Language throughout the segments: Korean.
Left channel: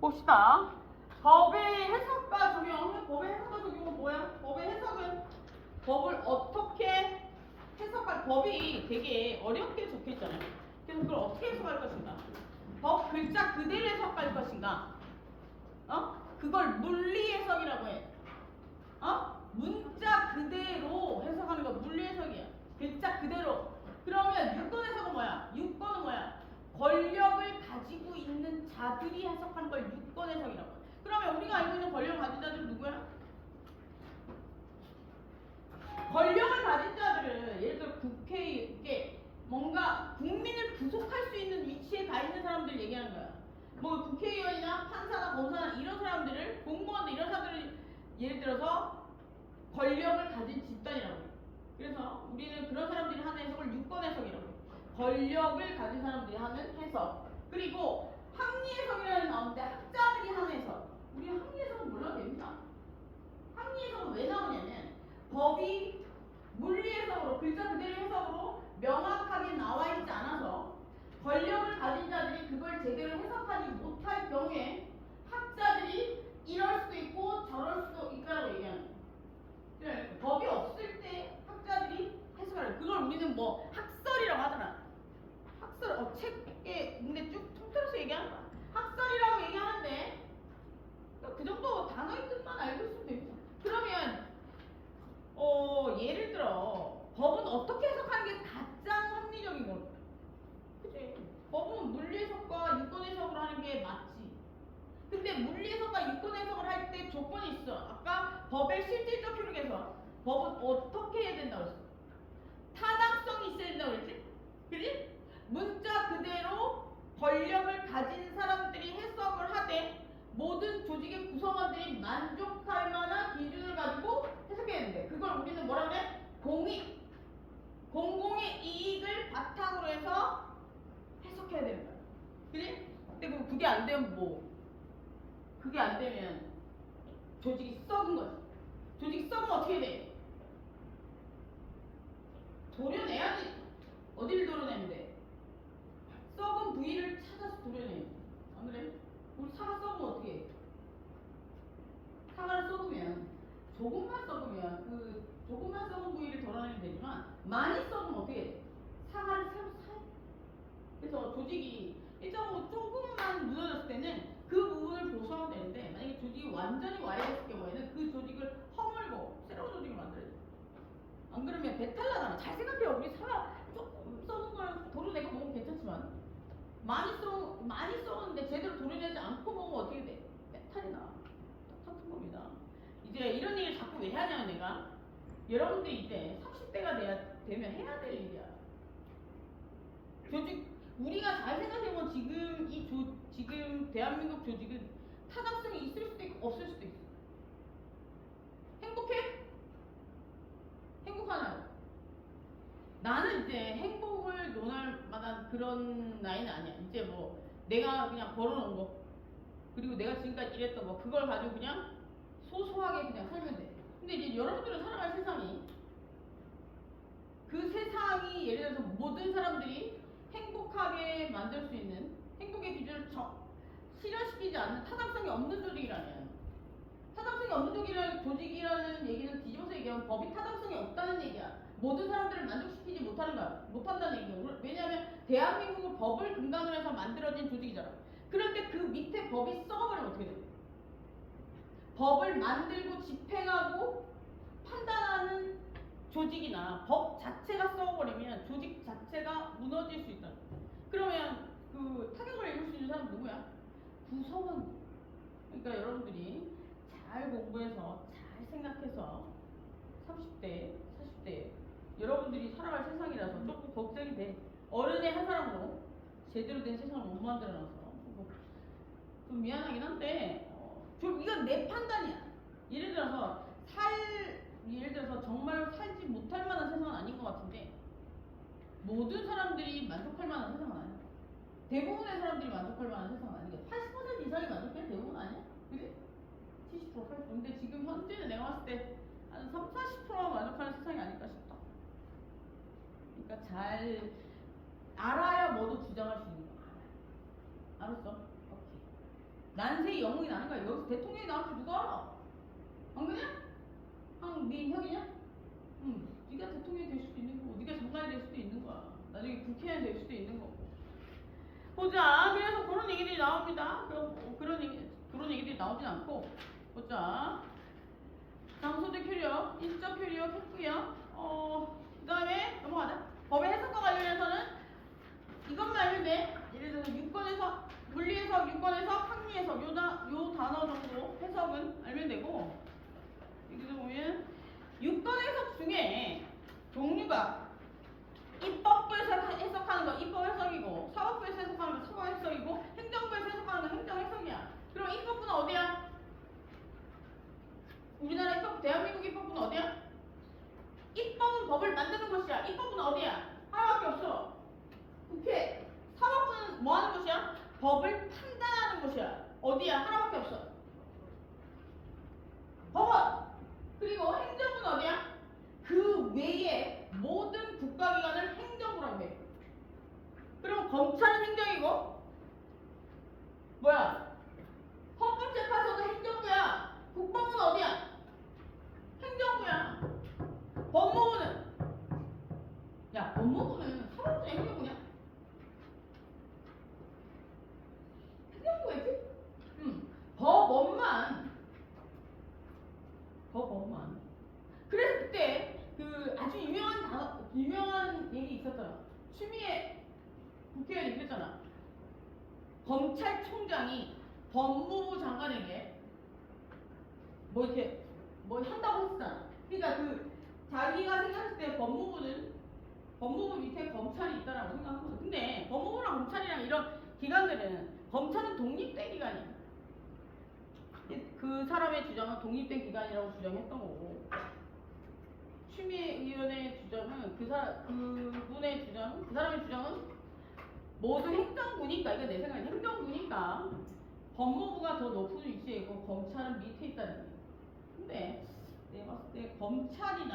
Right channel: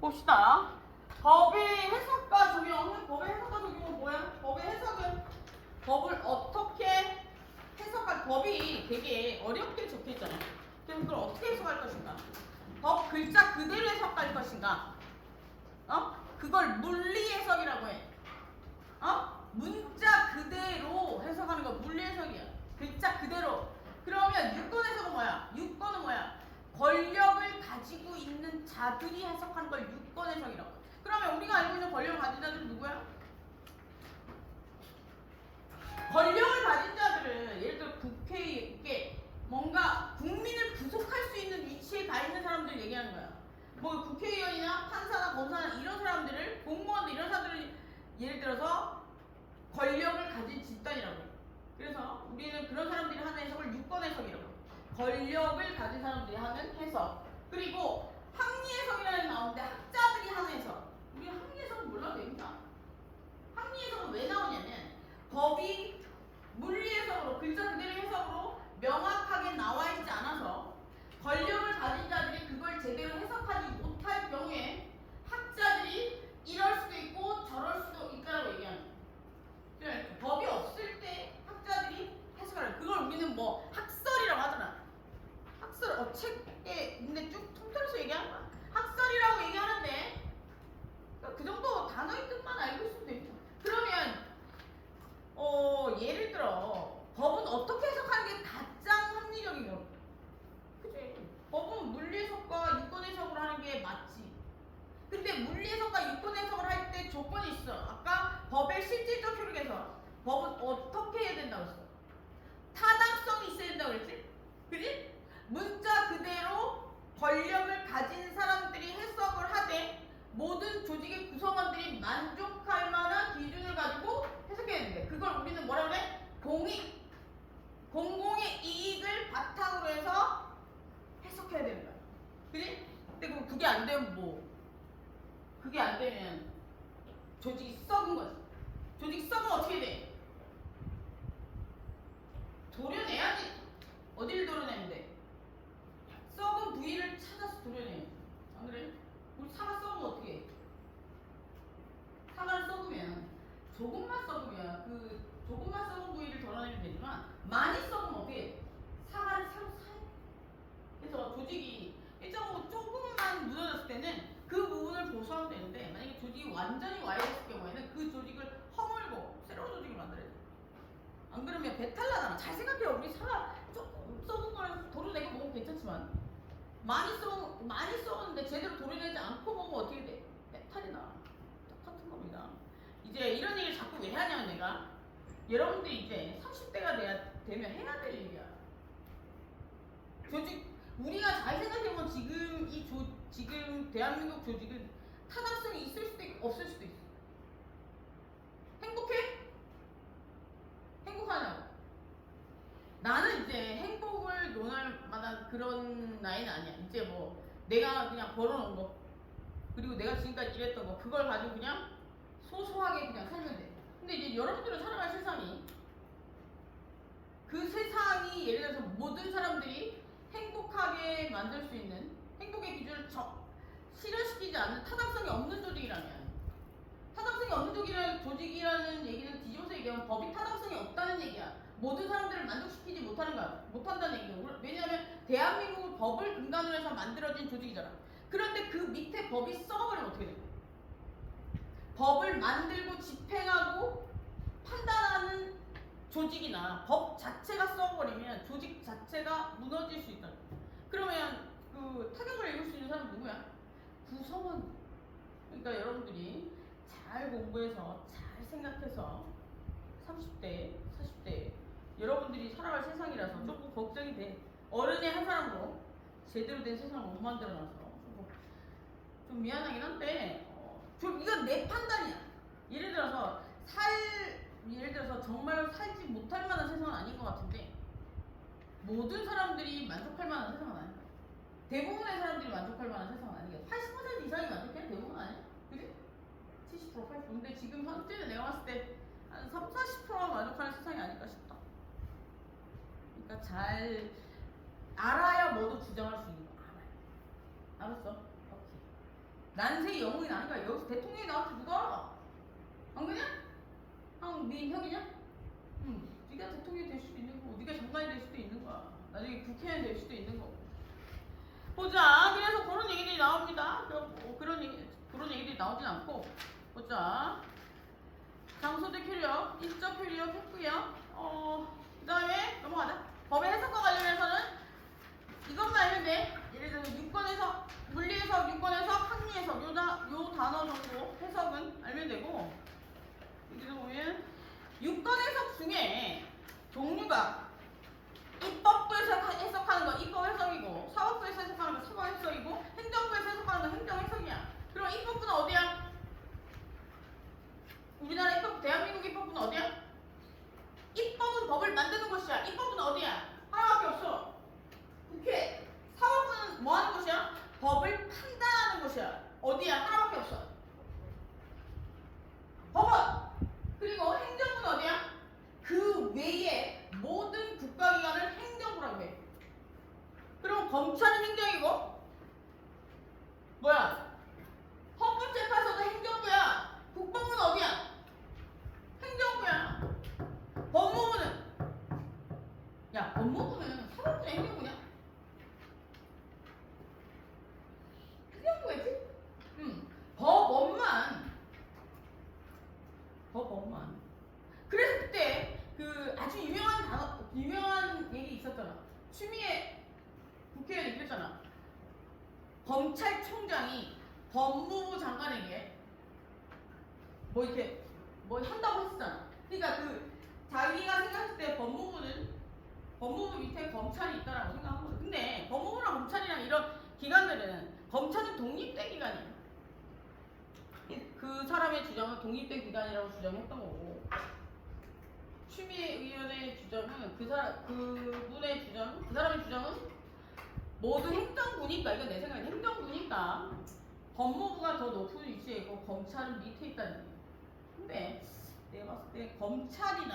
봅시다. 법의 해석과 적용. 법의 해석과 적용은 뭐야? 법의 해석은 법을 어떻게 해석할 법이 되게 어렵게 적혀 있잖아요. 그래서 그걸 어떻게 해석할 것인가? 법 글자 그대로 해석할 것인가? 그걸 물리 해석이라고 해. 문자 그대로 해석하는 거 물리 해석이야. 글자 그대로. 그러면 유권 해석은 뭐야? 유권은 뭐야? 권력을 가지고 있는 자들이 해석하는 걸 유권 해석이라고. 그러면 우리가 알고 있는 권력을 가진 자들은 누구야? 권력을 가진 자들은 예를 들어 국회에 뭔가 국민을 구속할 수 있는 위치에 가 있는 사람들 얘기하는 거야. 뭐 국회의원이나 판사나 검사나 이런 사람들을 공무원들 이런 사람들을 예를 들어서 권력을 가진 집단이라고. 그래서 우리는 그런 사람들이 하는 해석을 유권 해석이라고. 권력을 가진 사람들이 하는 해석. 그리고 합리 해석이라는 게 나오는데 학자들이 하는 해석. 우리가 합리 해석은 몰라도 됩니다. 합리 해석은 왜 나오냐면 법이 물리 해석으로 글자 그대로 해석으로 명확하게 나와 있지 않아서 권력을 가진 자들이 그걸 제대로 해석하지 못할 경우에 학자들이 이럴 수도 있고 저럴 수도 있다고 얘기하는 거예요. 그러니까 법이 없을 때 학자들이 해석하는 그걸 우리는 뭐 학설이라고 하잖아. 학설 책에 있는데 쭉 통틀어서 얘기하는 거야. 학설이라고 얘기하는데 그 정도 단어의 뜻만 알고 있으면 됩니다. 그러면 예를 들어 법은 어떻게 해석하는 게 가장 합리적인 거? 그치? 법은 물리 해석과 유권 해석을 하는 게 맞지. 근데 물리 해석과 유권 해석을 할 때 조건이 있어. 아까 법의 실질적 효력에서 법은 어떻게 해야 된다고 했어? 타당성이 있어야 된다고 그랬지? 그지? 문자 그대로 권력을 가진 사람들이 해석을 하되 모든 조직의 구성원들이 만족할 만한 기준을 가지고 해석해야 되는데 그걸 우리는 뭐라 그래? 공익! 공공의 이익을 바탕으로 해서 해석해야 되는 거야. 그지? 근데 그게 안 되면 뭐? 그게 안 되면 조직이 썩은 거지. 조직이 썩으면 어떻게 돼? 도려내야지. 어디를 도려내는데? 썩은 부위를 찾아서 도려내야지. 안 그래? 우리 사과 썩으면 어떻게 해? 사과를 썩으면 조금만 썩으면 그 조금만 썩은 부위를 덜어내면 되지만 많이 썩으면 어떻게 해? 사과를 새로 사야 돼. 그래서 조직이 일정으로 조금만 무너졌을 때는 그 부분을 보수하면 되는데 만약에 조직이 완전히 와해됐을 경우에는 그 조직을 허물고 새로운 조직을 만들어야 돼. 안 그러면 배탈 나잖아. 잘 생각해. 우리 사과 조금 썩은 걸 도려내고 먹으면 괜찮지만 많이 썩었는데 제대로 도려내지 않고 먹으면 어떻게 돼? 배탈이 나. 똑같은 겁니다. 이제 이런 얘기를 자꾸 왜 하냐면 내가 여러분들이 이제 30대가 되면 해야 될 일이야. 조직 우리가 잘 생각해보면 지금 대한민국 조직은 타당성이 있을 수도 있고 없을 수도 있어. 행복해? 행복하냐고? 나는 이제 행복을 논할 만한 그런 나이는 아니야. 이제 뭐 내가 그냥 벌어놓은 거 그리고 내가 지금까지 일했던 거 그걸 가지고 그냥 소소하게 그냥 살면 돼. 근데 이제 여러분들은 살아갈 세상이 그 세상이 예를 들어서 모든 사람들이 행복하게 만들 수 있는 행복의 기준을 실현시키지 않는 타당성이 없는 조직이라면 타당성이 없는 조직이라는 얘기는 뒤집어서 얘기하면 법이 타당성이 없다는 얘기야. 모든 사람들을 만족시키지 못하는 거야. 못한다는 얘기야. 왜냐하면 대한민국은 법을 근간으로 해서 만들어진 조직이잖아. 그런데 그 밑에 법이 썩어버리면 어떻게 돼? 법을 만들고 집행하고 판단하는 조직이나 법 자체가 썩어버리면 조직 자체가 무너질 수 있다. 그러면 그 타격을 입을 수 있는 사람은 누구야? 구성원. 그러니까 여러분들이 잘 공부해서 잘 생각해서 30대, 40대 여러분들이 살아갈 세상이라서 조금 걱정이 돼. 어른의 한 사람으로 제대로 된 세상을 못 만들어놔서 좀 미안하긴 한데 좀 이건 내 판단이야. 예를 들어서 정말 살지 못할 만한 세상은 아닌 것 같은데 모든 사람들이 만족할 만한 세상은 아니야. 대부분의 사람들이 만족할 만한 세상은 아니겠어. 80% 이상이 만족해? 대부분 아니야? 그게 70%, 80%. 근데 지금 현재는 내가 봤을 때 한 3, 40%가 만족하는 세상이 아닐까 싶다. 그러니까 잘 알아야 뭐도 주장할 수 있는 거. 알아요. 알았어? 오케이. 난세의 영웅이 나는 거야. 여기서 대통령이 나올 줄 누가 알아? 안 그냐? 네 형이냐? 응. 네가 대통령이 될 수도 있는 거고, 네가 장관이 될 수도 있는 거야. 나중에 국회의원이 될 수도 있는 거고. 보자. 그래서 그런 얘기들이 나옵니다. 그런 얘기들이 나오진 않고. 보자. 장소대 효력, 인적 효력 했고요. 그 다음에 넘어가자. 법의 해석과 관련해서는 이것만 알면 돼. 예를 들어 유권해석, 물리해석, 유권해석, 합리해석 요 단어 정도 해석은 알면 되고, 여기서 보면 유권해석 중에 종류가 입법부에서 해석하는 거 입법 해석이고, 사법부에서 해석하는 거 사법 해석이고, 행정부에서 해석하는 거 행정 해석이야. 그럼 입법부는 어디야? 우리나라 입법, 대한민국 입법부는 어디야? 입법은 법을 만드는 곳이야. 입법부는 어디야? 하나밖에 없어. 국회. 사법부는 뭐 하는 곳이야? 법을 판단하는 곳이야. 어디야? 하나밖에 없어. 법원. 그리고 행정부는 어디야? 그 외에 모든 국가기관을 행정부라고 해. 그럼 검찰은 행정이고, 뭐야? 헌법재판소도 행정부야. 국방부는 어디야? 행정부야. 법무부는, 야, 법무부는 사법부냐 행정부냐? 행정부겠지? 법원만. 법원만. 그래서 그때 그 아주 유명한 얘기 있었잖아. 추미애 국회의원이 그랬잖아. 검찰총장이 법무부 장관에게 뭐 이렇게 뭐 한다고 했었잖아. 그러니까 그 자기가 생각했을 때 법무부 밑에 검찰이 있다라고 생각한 거죠. 근데 법무부랑 검찰이랑 이런 기관들은, 검찰은 독립된 기관이야. 그 사람의 주장은 독립된 기관이라고 주장했던 거고, 추미애 의원의 주장은 그 사람의 주장은 모두 행정부니까, 이건 내 생각에 행정부니까 법무부가 더 높은 위치에 있고 검찰은 밑에 있다는 얘기야. 근데 내가 봤을 때 검찰은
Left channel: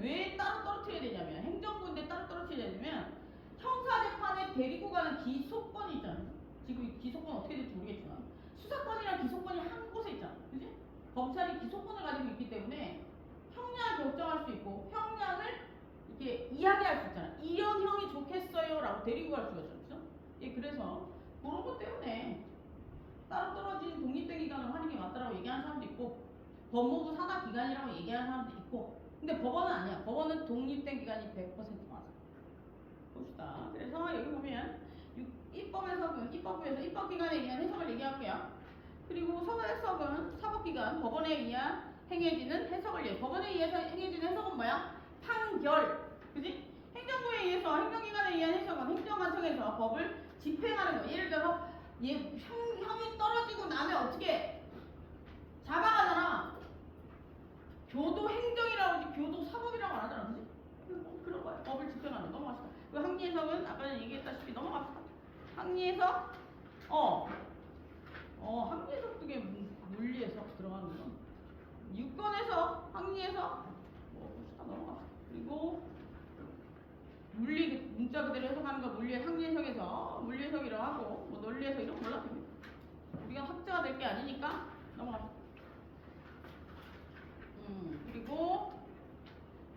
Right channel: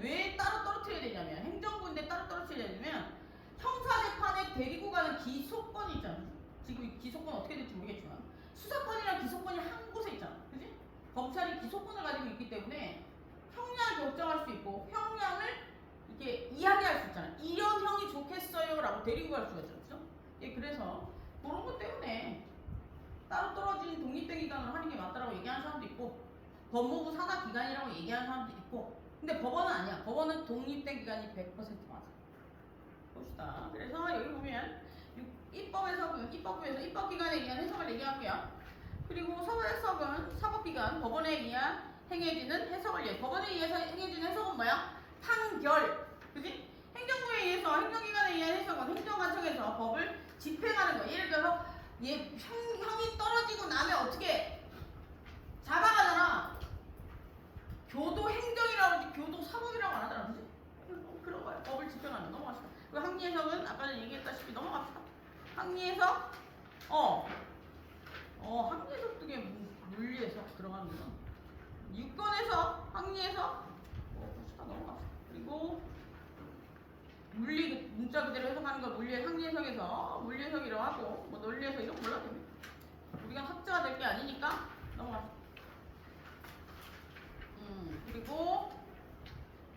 왜 따로 떨어뜨려야 되냐면, 행정부인데 따로 떨어뜨려야 되냐면, 형사재판에 데리고 가는 기소권이 있잖아. 지금 기소권 어떻게 될지 모르겠지만 수사권이랑 기소권이 한 곳에 있잖아. 그지? 검찰이 기소권을 가지고 있기 때문에 형량을 결정할 수 있고, 형량을 이렇게 이야기할 수 있잖아. 이런 형이 좋겠어요 라고 데리고 갈 수가 있잖아. 그죠? 예, 그래서 그런 것 때문에 따로 떨어진 독립된 기관을 하는 게 맞다라고 얘기하는 사람도 있고, 법무부 산하 기관이라고 얘기하는 사람도 있고, 근데 법원은 아니야. 법원은 독립된 기관이 100% 맞아. 봅시다. 그래서 여기 보면 입법에서는 입법부에서 입법기관에 의한 해석을 얘기하고요. 그리고 사법해석은 사법기관, 법원에 의한 행해지는 해석을 얘기해. 법원에 의해서 행해지는 해석은 뭐야? 판결. 그지? 행정부에 의해서, 행정기관에 의한 해석은 행정관청에서 법을 집행하는 거. 예를 들어서 형이 떨어지고 나면 어떻게 잡아가잖아. 교도 행정이라고 하지 교도 사법이라고 안 하잖아. 그지? 그런 거야. 법을 집행하는 거. 넘어갑시다. 그 항리해석은 아까 전에 얘기했다시피 넘어갑시다. 항리해석, 항리해석 그게 물리해석 들어가는 거. 유권해석, 항리해석, 봅시다. 넘어갑시다. 그리고 문자 그대로 해석하는 거 항리해석에서 물리해석이라고 하고, 뭐 논리해석 이런 거 몰라도 됩니다. 우리가 학자가 될 게 아니니까 넘어갑시다. 그리고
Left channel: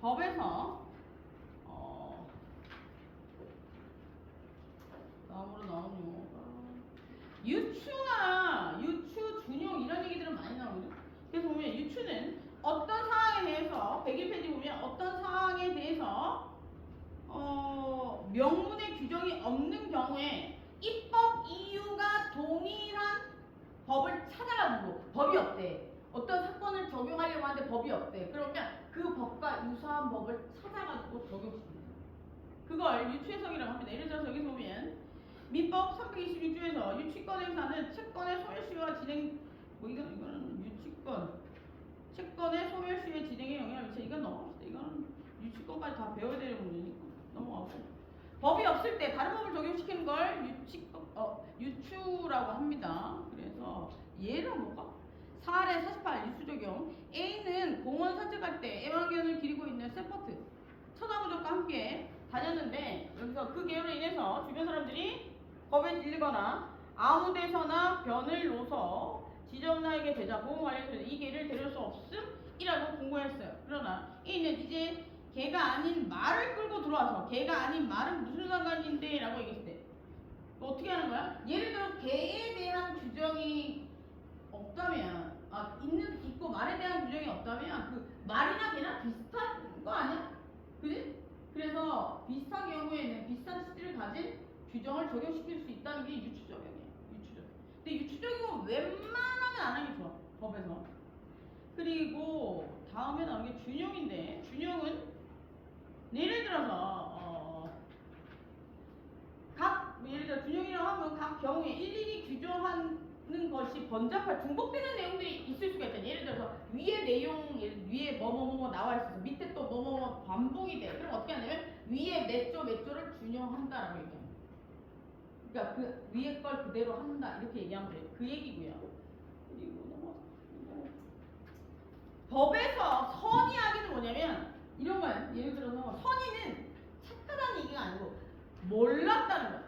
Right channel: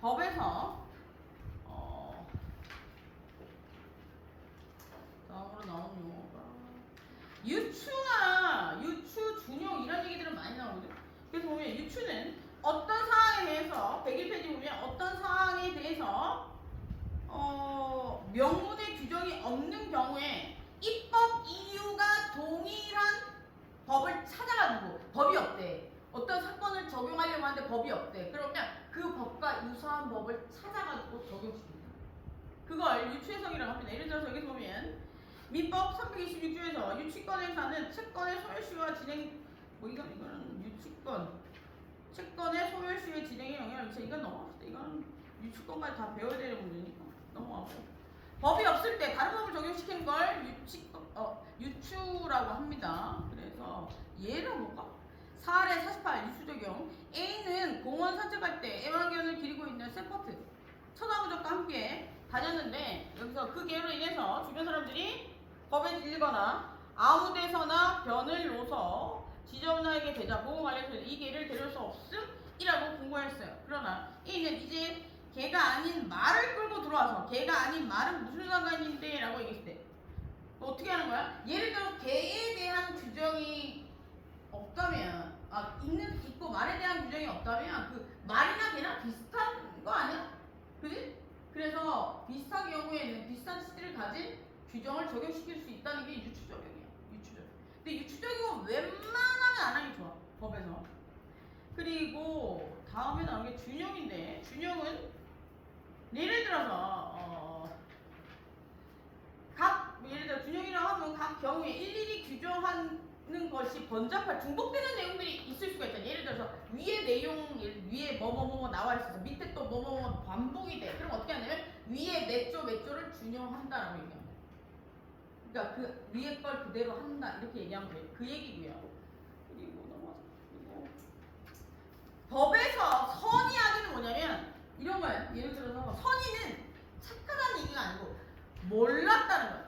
법에서 다음으로 나오는 용어가 유추, 준용 이런 얘기들은 많이 나오거든. 그래서 보면 유추는 어떤 사항에 대해서 101페이지 보면 어떤 사항에 대해서 명문의 규정이 없는 경우에 입법 이유가 동일한 법을 찾아가지고, 법이 없대. 어떤 사건을 적용하려고 하는데 법이 없대. 그러면 그 법과 유사한 법을 찾아가지고 적용시키는 거야. 그걸 유추해석이라고 합니다. 예를 들어서 여기 보면 민법 326조에서 유치권에서는 채권의 소멸시효와 진행, 이거는 채권의 소멸시효의 진행에 영향을 미쳐. 이건 넘어갑시다. 이거는 유치권까지 다 배워야 되는 문제니까 넘어가고, 법이 없을 때 다른 법을 적용시키는 걸 유추라고 합니다. 그래서 예를 볼까? 사례 48 유추 적용. A는 공원 산책할 때 애완견을 기르고 있는 세퍼트 천하무적과 함께 다녔는데, 여기서 그 개요로 인해서 주변 사람들이 겁에 질리거나 아무데서나 변을 놓서 지저분하게 되자 보호관리에서 이 개를 데려올 수 없음이라고 공고했어요. 그러나 이는 이제 개가 아닌 말을 끌고 들어와서 개가 아닌 말은 무슨 상관인데 라고 얘기했을 때 어떻게 하는 거야? 예를 들어 개에 대한 규정이 없다면 있고 말에 대한 규정이 없다면 그 말이나 개나 비슷한 거 아니야? 그지? 그래서 비슷한 경우에는 비슷한 시기를 가진 규정을 적용시킬 수 있다는 게 유추적용이에요. 유추적. 근데 유추적용은 웬만하면 안 하기 좋아. 법에서. 그리고 다음에 나오는 게 준용인데 준용은 예를 들어서 예를 들어 준용이라고 하면 각 경우에 일일이 규정하는 것이 번잡할 중복되는 내용들이 있을 수가 있잖아요. 예를 들어서 위에 내용 위에 뭐뭐뭐 나와 있어서 밑에 또 뭐뭐뭐 반복이 돼. 그럼 어떻게 하냐면 위에 몇 조를 준용한다라고 얘기합니다. 그러니까 그 위에 걸 그대로 한다 이렇게 얘기하면 돼요. 그 얘기고요. 그리고 넘어가서 법에서 선의하기는 뭐냐면 이런 거예요. 예를 들어서 선의는 착하다는 얘기가 아니고 몰랐다는 거예요.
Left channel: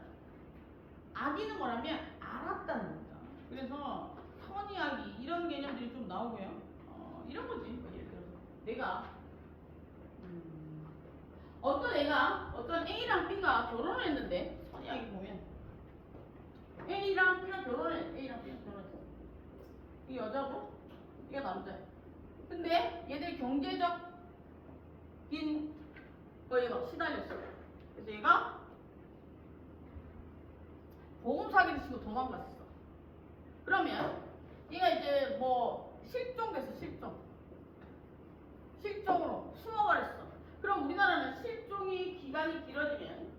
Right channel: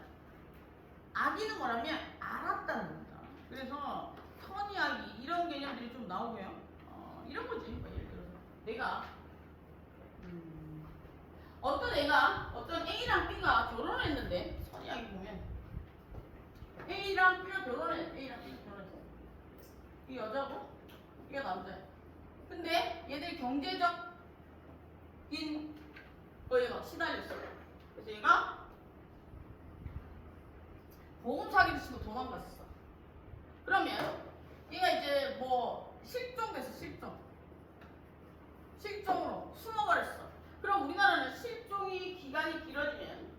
악의는 뭐라면 알았다는 겁니다. 그래서 선의하기 이런 개념들이 좀 나오고요. 이런 거지. 예를 들어서 내가 어떤 A랑 B가 결혼을 했는데 선의하기 보면 A랑 B가 결혼했어. 이 여자고 이가 남자야. 근데 얘들이 경제적인 거에 막 시달렸어. 그래서 얘가 보험 사기를 치고 도망갔어. 그러면 얘가 이제 뭐 실종됐어. 실종으로 숨어버렸어. 그럼 우리나라는 실종이 기간이 길어지면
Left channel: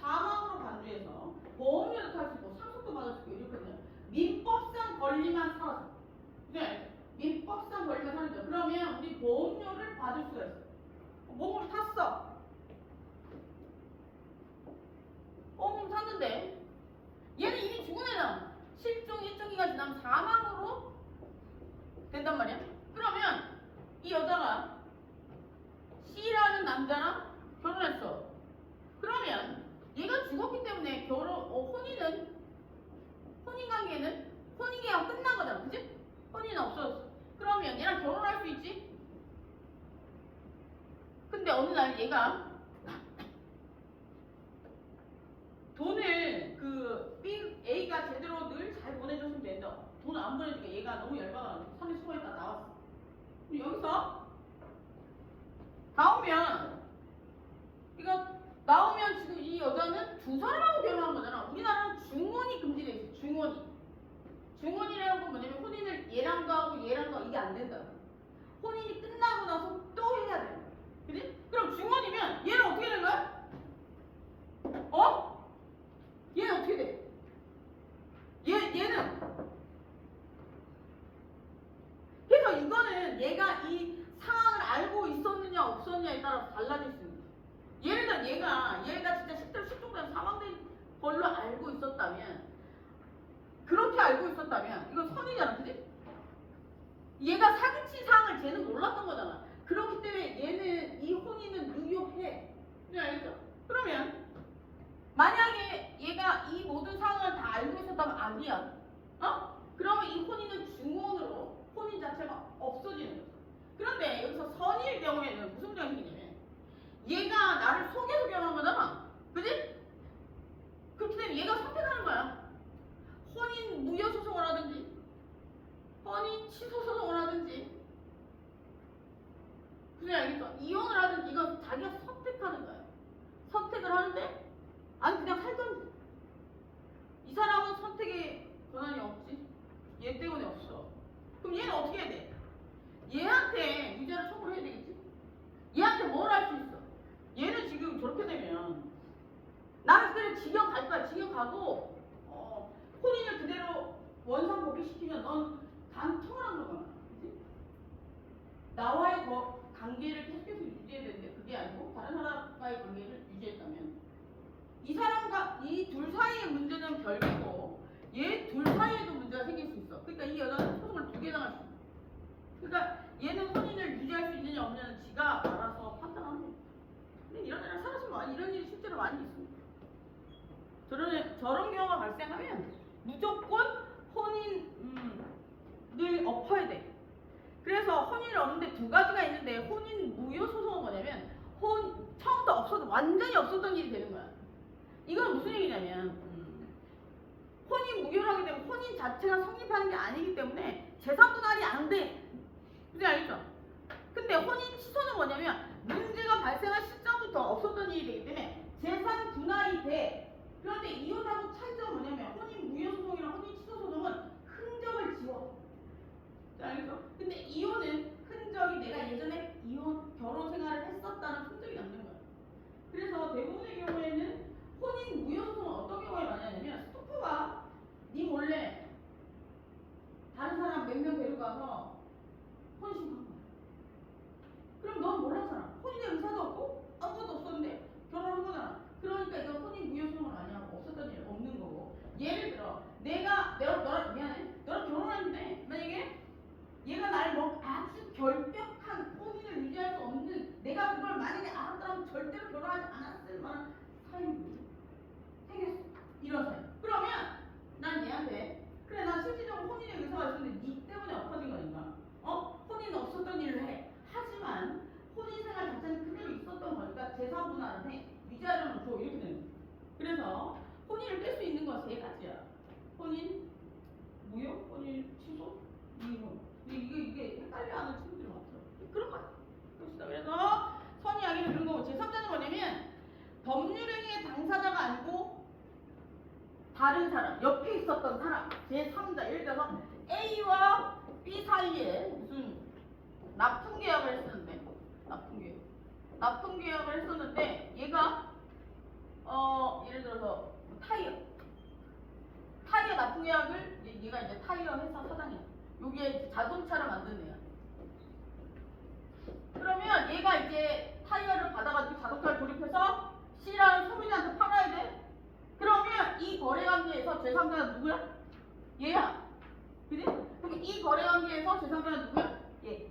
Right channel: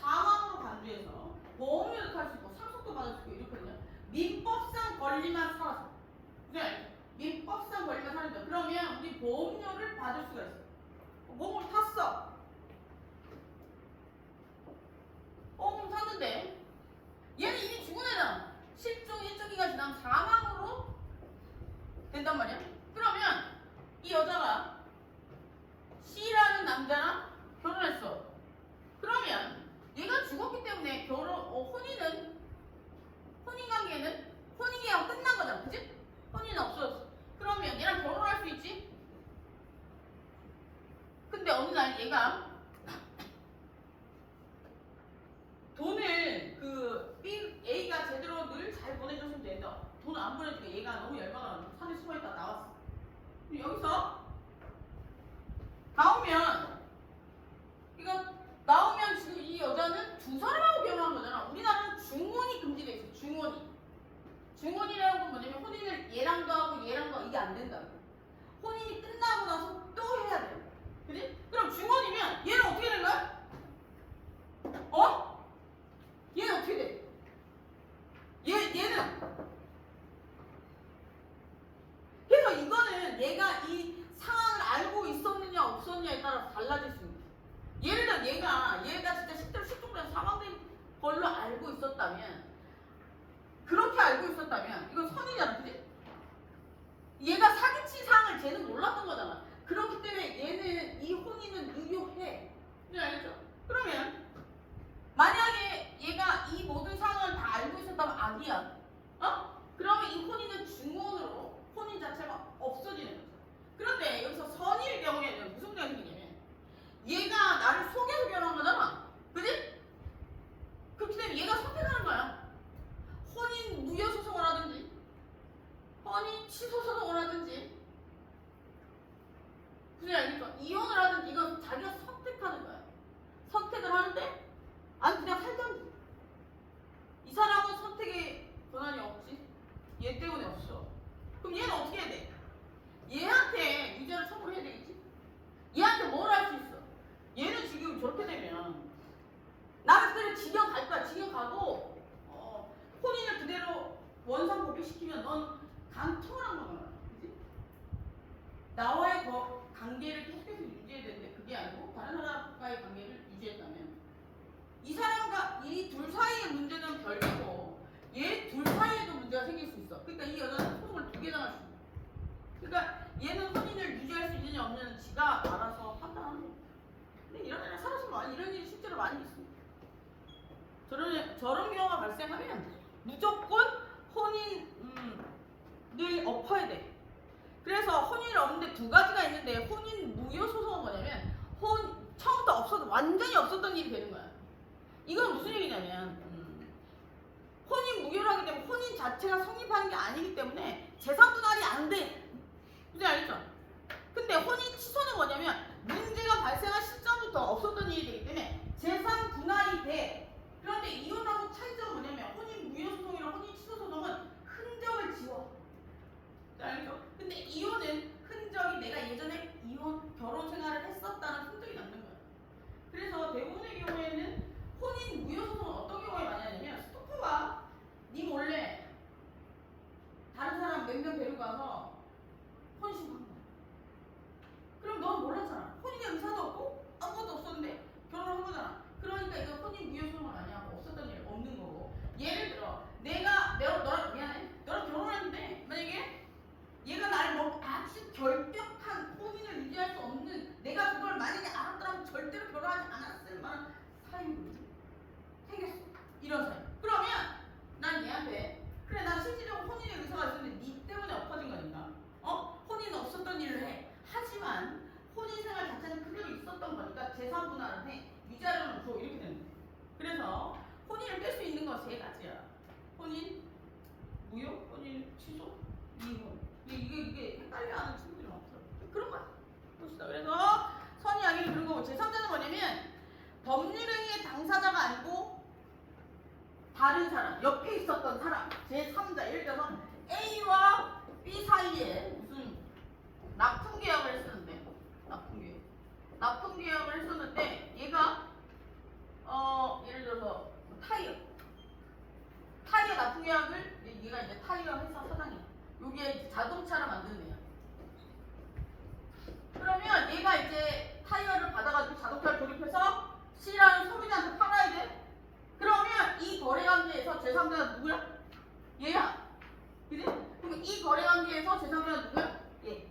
사망으로 간주해서 보험료도 탈 수 있고 상속도 받을 수 있고 이렇거든요. 민법상 권리만 살아서. 그래? 민법상 권리만 살았죠. 그러면 우리 보험료를 받을 수가 있어. 몸을 탔어. 몸을 탔는데 얘는 이미 죽은 애잖아. 실종 일정 기간 지나면 사망으로 된단 말이야. 그러면 이 여자가 C라는 남자랑 결혼했어. 그러면 얘가 죽었기 때문에 혼인관계는 혼인계약 끝난 거잖아. 그치? 혼인은 없어졌어. 그러면 얘랑 결혼할 수 있지? 근데 어느 날 얘가 돈을 A가 제대로 늘 잘 보내줬으면 되는데 돈을 안 보내주니까 얘가 너무 열받아가지고 산에 숨어있다 나왔어. 그럼 여기서 나오면 지금 이 여자는 두 사람하고 결혼한 거잖아. 우리나라는 중혼이 금지돼 있어. 중혼이라는 건 뭐냐면 혼인을 얘랑도 하고 얘랑도 하고 이게 안 된다고. 혼인이 끝나고 나서 또 해야 돼. 그지? 그럼 중혼이면 얘는 어떻게 된 거야? 얘는 어떻게 돼? 얘는 그래서 이거는 얘가 이 상황을 알고 있었느냐 없었느냐에 따라서 달라질 수 있는 거야. 예를 들어 얘가 진짜 실제로 실종된 사망된 걸로 알고 있었다면 그렇게 알고 있었다면 이건 선이잖아. 그치? 얘가 사기친 사항을 쟤는 몰랐던 거잖아. 그렇기 때문에 얘는 이 혼인은 유효해. 네, 알겠죠? 그러면 만약에 얘가 이 모든 상황을 다 알고 있었다면 아니야. 그러면 이 혼인은 중혼으로 혼인 자체가 없어지는 거죠. 그런데 여기서 선의의 경우에는 무슨 문제가 생기냐면 얘가 나를 속여서 결혼한 거잖아. 그지? 그렇기 때문에 얘가 선택하는 거야. 혼인 무효 소송을 하든지 혼인 취소 소송을 하든지 그지? 알겠죠? 이혼을 하든지 이건 자기가 선택하는 거야. 선택을 하는데 아니 그냥 살던지. 이 사람은 선택의 권한이 없지. 얘 때문에 없어. 그럼 얘는 어떻게 해야 돼? 얘한테 유죄를 처벌해야 되겠지? 얘한테 뭘 할 수 있어? 얘는 지금 저렇게 되면 나는 그대로 징역 갈 거야. 징역 가고 혼인을 그대로 원상 법익시키면 넌 간통을 한 거잖아. 그치? 나와의 관계를 계속해서 유지해야 되는데 그게 아니고 다른 사람과의 관계를 유지했다면 이 사람과 이 둘 사이의 문제는 별개고 얘 둘 사이에도 문제가 생길 수 있어. 그러니까 이 여자는 소송을 2개 당할 수 있어. 그러니까 얘는 혼인을 유지할 수 있느냐 없느냐는 지가 알아서 판단하는 거야. 근데 이런 애를 살아서 이런 일이 실제로 많이 있습니다. 저런 경우가 발생하면 무조건 혼인을 엎어야 돼. 그래서 혼인을 엎는데 두 가지가 있는데 혼인 무효 소송은 뭐냐면 처음부터 완전히 없었던 일이 되는 거야. 이건 무슨 얘기냐면 혼인 무효라기 때문에 혼인 자체가 성립하는 게 아니기 때문에 재산 분할이 안 돼. 무슨 알겠죠? 근데 혼인 취소는 뭐냐면 문제가 발생한 시점부터 없었던 일이 되기 때문에 재산 분할이 돼. 그런데 이혼하고 차이점은 뭐냐면 혼인 무효 소송이랑 혼인 취소 소송은 흔적을 지워. 알죠? 근데 이혼은 흔적이 내가 예전에 결혼 생활을 했었다는 흔적이 남는 거야. 그래서 대부분의 경우에는 혼인 무효 소송은 어떤 경우에 많이 하냐면 스토커가 네 몰래 다른 사람 몇 명 데리고 가서 혼인신고한 거야. 그럼 넌 몰랐잖아. 혼인의 의사도 없고 아무것도 없었는데 결혼한 거잖아. 그러니까 이거 혼인 무효 소송을 많이 하고 없었던 일 없는 거고. 예를 들어 너랑 미안해. 너랑 결혼했는데 만약에 얘가 날 아주 결벽한 혼인을 유지할 수 없는 내가 그걸 만약에 알았더라면 절대로 결혼하지 않았을 만한 사연이 생겼어. 이런 사연. 그러면 난 얘한테 그래 나 실질적으로 혼인의 의사가 있었는데 네 때문에 엎어진 거니까 혼인은 없었던 일을 해. 하지만 혼인 생활 자체는 그대로 있었던 거니까 재산 분할을 해. 위자료는 줘. 이렇게 되는 거야. 그래서 혼인을 깰 수 있는 건 세 가지야. 혼인 무효, 혼인 취소, 이혼. 이게 헷갈려하는 친구들이 없어. 그런 거야. 봅시다. 그래서 선이야기를 그런 거고 제3자는 뭐냐면 법률행위의 당사자가 아니고 다른 사람, 옆에 있었던 사람, 제3자. 예를 들어서 A와 B 사이에 무슨 납품계약을 했었는데 납품계약을 했었는데 얘가 예를 들어서 타이어 납품계약을 얘가 이제 타이어 회사 사장이야. 여기에 자동차를 만드는 애야. 그러면 얘가 이제 타이어를 받아가지고 자동차를 조립해서 C라는 소비자한테 팔아야 돼. 그러면 이 거래관계에서 제3자가 누구야? 얘야. 그지? 그럼 이 거래관계에서 제3자가 누구야? 얘.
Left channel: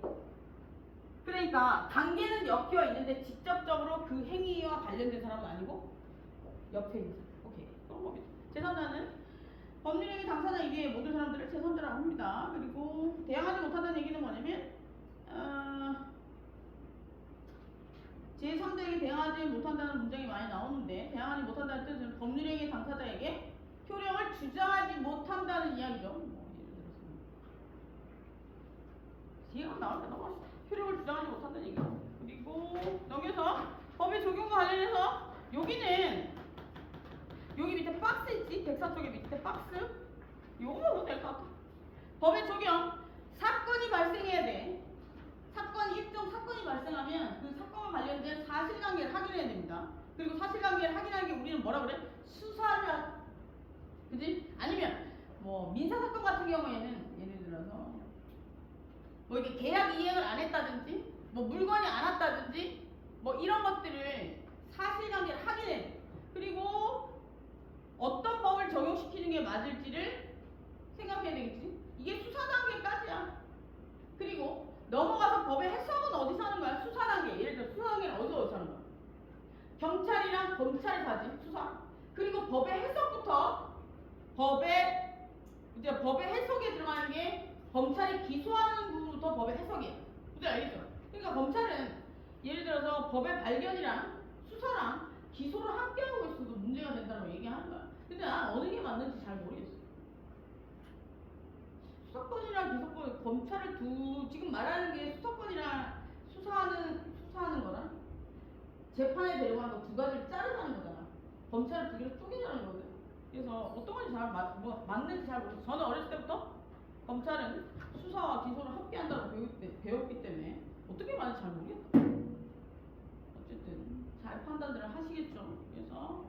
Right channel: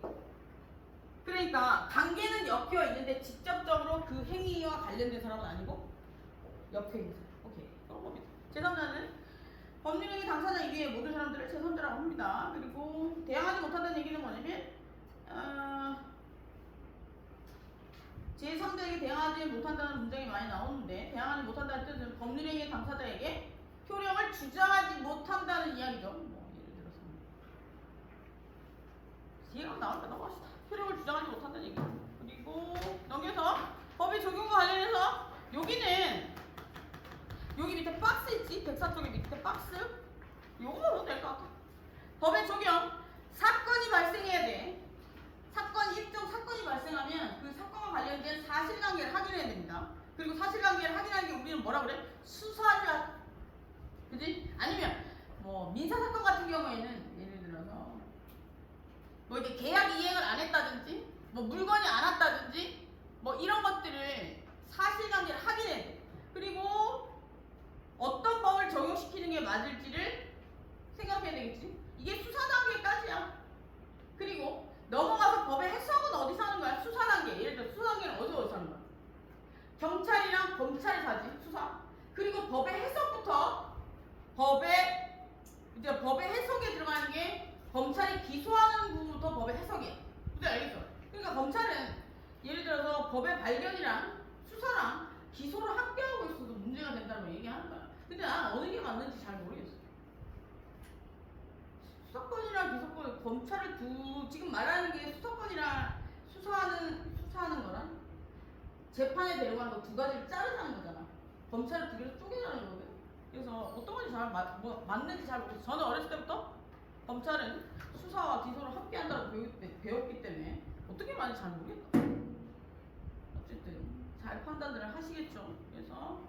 그러니까 관계는 엮여 있는데 직접적으로 그 행위와 관련된 사람은 아니고 옆에 있는 사람. 오케이. 그런 겁니다. 제3자는 법률행위 당사자 이외의 모든 사람들을 제3자라고 합니다. 그리고 대항하지 못한다는 얘기는 뭐냐면 제3자에게 대항하지 못한다는 문장이 많이 나오는데 대항하지 못한다는 뜻은 법률행위 당사자에게 효력을 주장하지 못한다는 이야기죠. 뭐 예를 들어서 이해가 나오니까 넘어갑시다. 효력을 주장하지 못한다는 얘기죠. 그리고 넘겨서 법의 적용과 관련해서 여기 밑에 박스 있지? 104쪽에 밑에 박스 요거만 보면 될 것 같아. 법의 적용 사건이 발생해야 돼. 일정 사건이 발생하면 그 사건과 관련된 사실관계를 확인해야 됩니다. 그리고 사실관계를 확인하는 게 우리는 뭐라 그래? 수사를 그지? 아니면 뭐 민사사건 같은 경우에는 예를 들어서 뭐 이렇게 계약 이행을 안 했다든지 뭐 물건이 안 왔다든지 뭐 이런 것들을 사실관계를 확인해야 돼. 그리고 어떤 법을 적용시키는 게 맞을지를 생각해야 되겠지? 이게 수사 단계까지야. 그리고 넘어가서 법의 해석은 어디서 하는 거야? 수사 단계. 예를 들어 수사 단계는 어디서 하는 거야? 경찰이랑 검찰이 가지 수사. 그리고 법의 해석부터 법의 해석에 들어가는 게 검찰이 기소하는 부분부터 법의 해석이야. 그게 알겠죠? 그러니까 검찰은 예를 들어서 법의 발견이랑 수사랑 기소를 함께 하고 있어도 문제가 된다고 얘기하는 거야. 근데 난 어느 게 맞는지 잘 모르겠어. 수사권이랑 기소권, 검찰을 지금 말하는 게 수사권이랑 수사하는 거랑 재판에 데려가는 거 두 가지를 자르자는 거잖아. 검찰을 두 개로 쪼개자는 거거든. 그래서 어떤 건지 잘 맞는지 잘 모르겠어. 저는 어렸을 때부터 검찰은 수사와 기소를 함께 한다고 배웠기 때문에 어떻게 말인지 잘 모르겠어. 어쨌든 잘 판단들을 하시겠죠. 그래서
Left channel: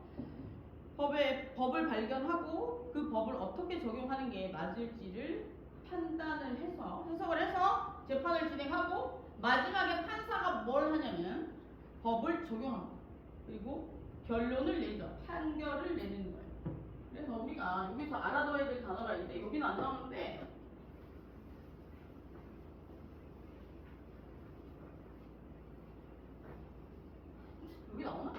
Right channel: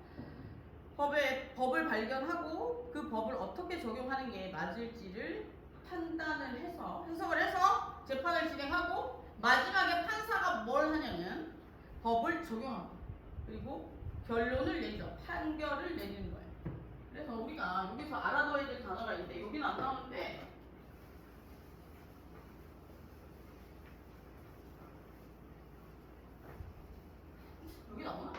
법을 발견하고 그 법을 어떻게 적용하는 게 맞을지를 해석을 해서 재판을 진행하고 마지막에 판사가 뭘 하냐면 법을 적용하고 그리고 결론을 내죠. 판결을 내리는 거예요. 그래서 우리가 여기서 알아둬야 될 단어가 있는데 여기는 안 나오는데 여기 나오나?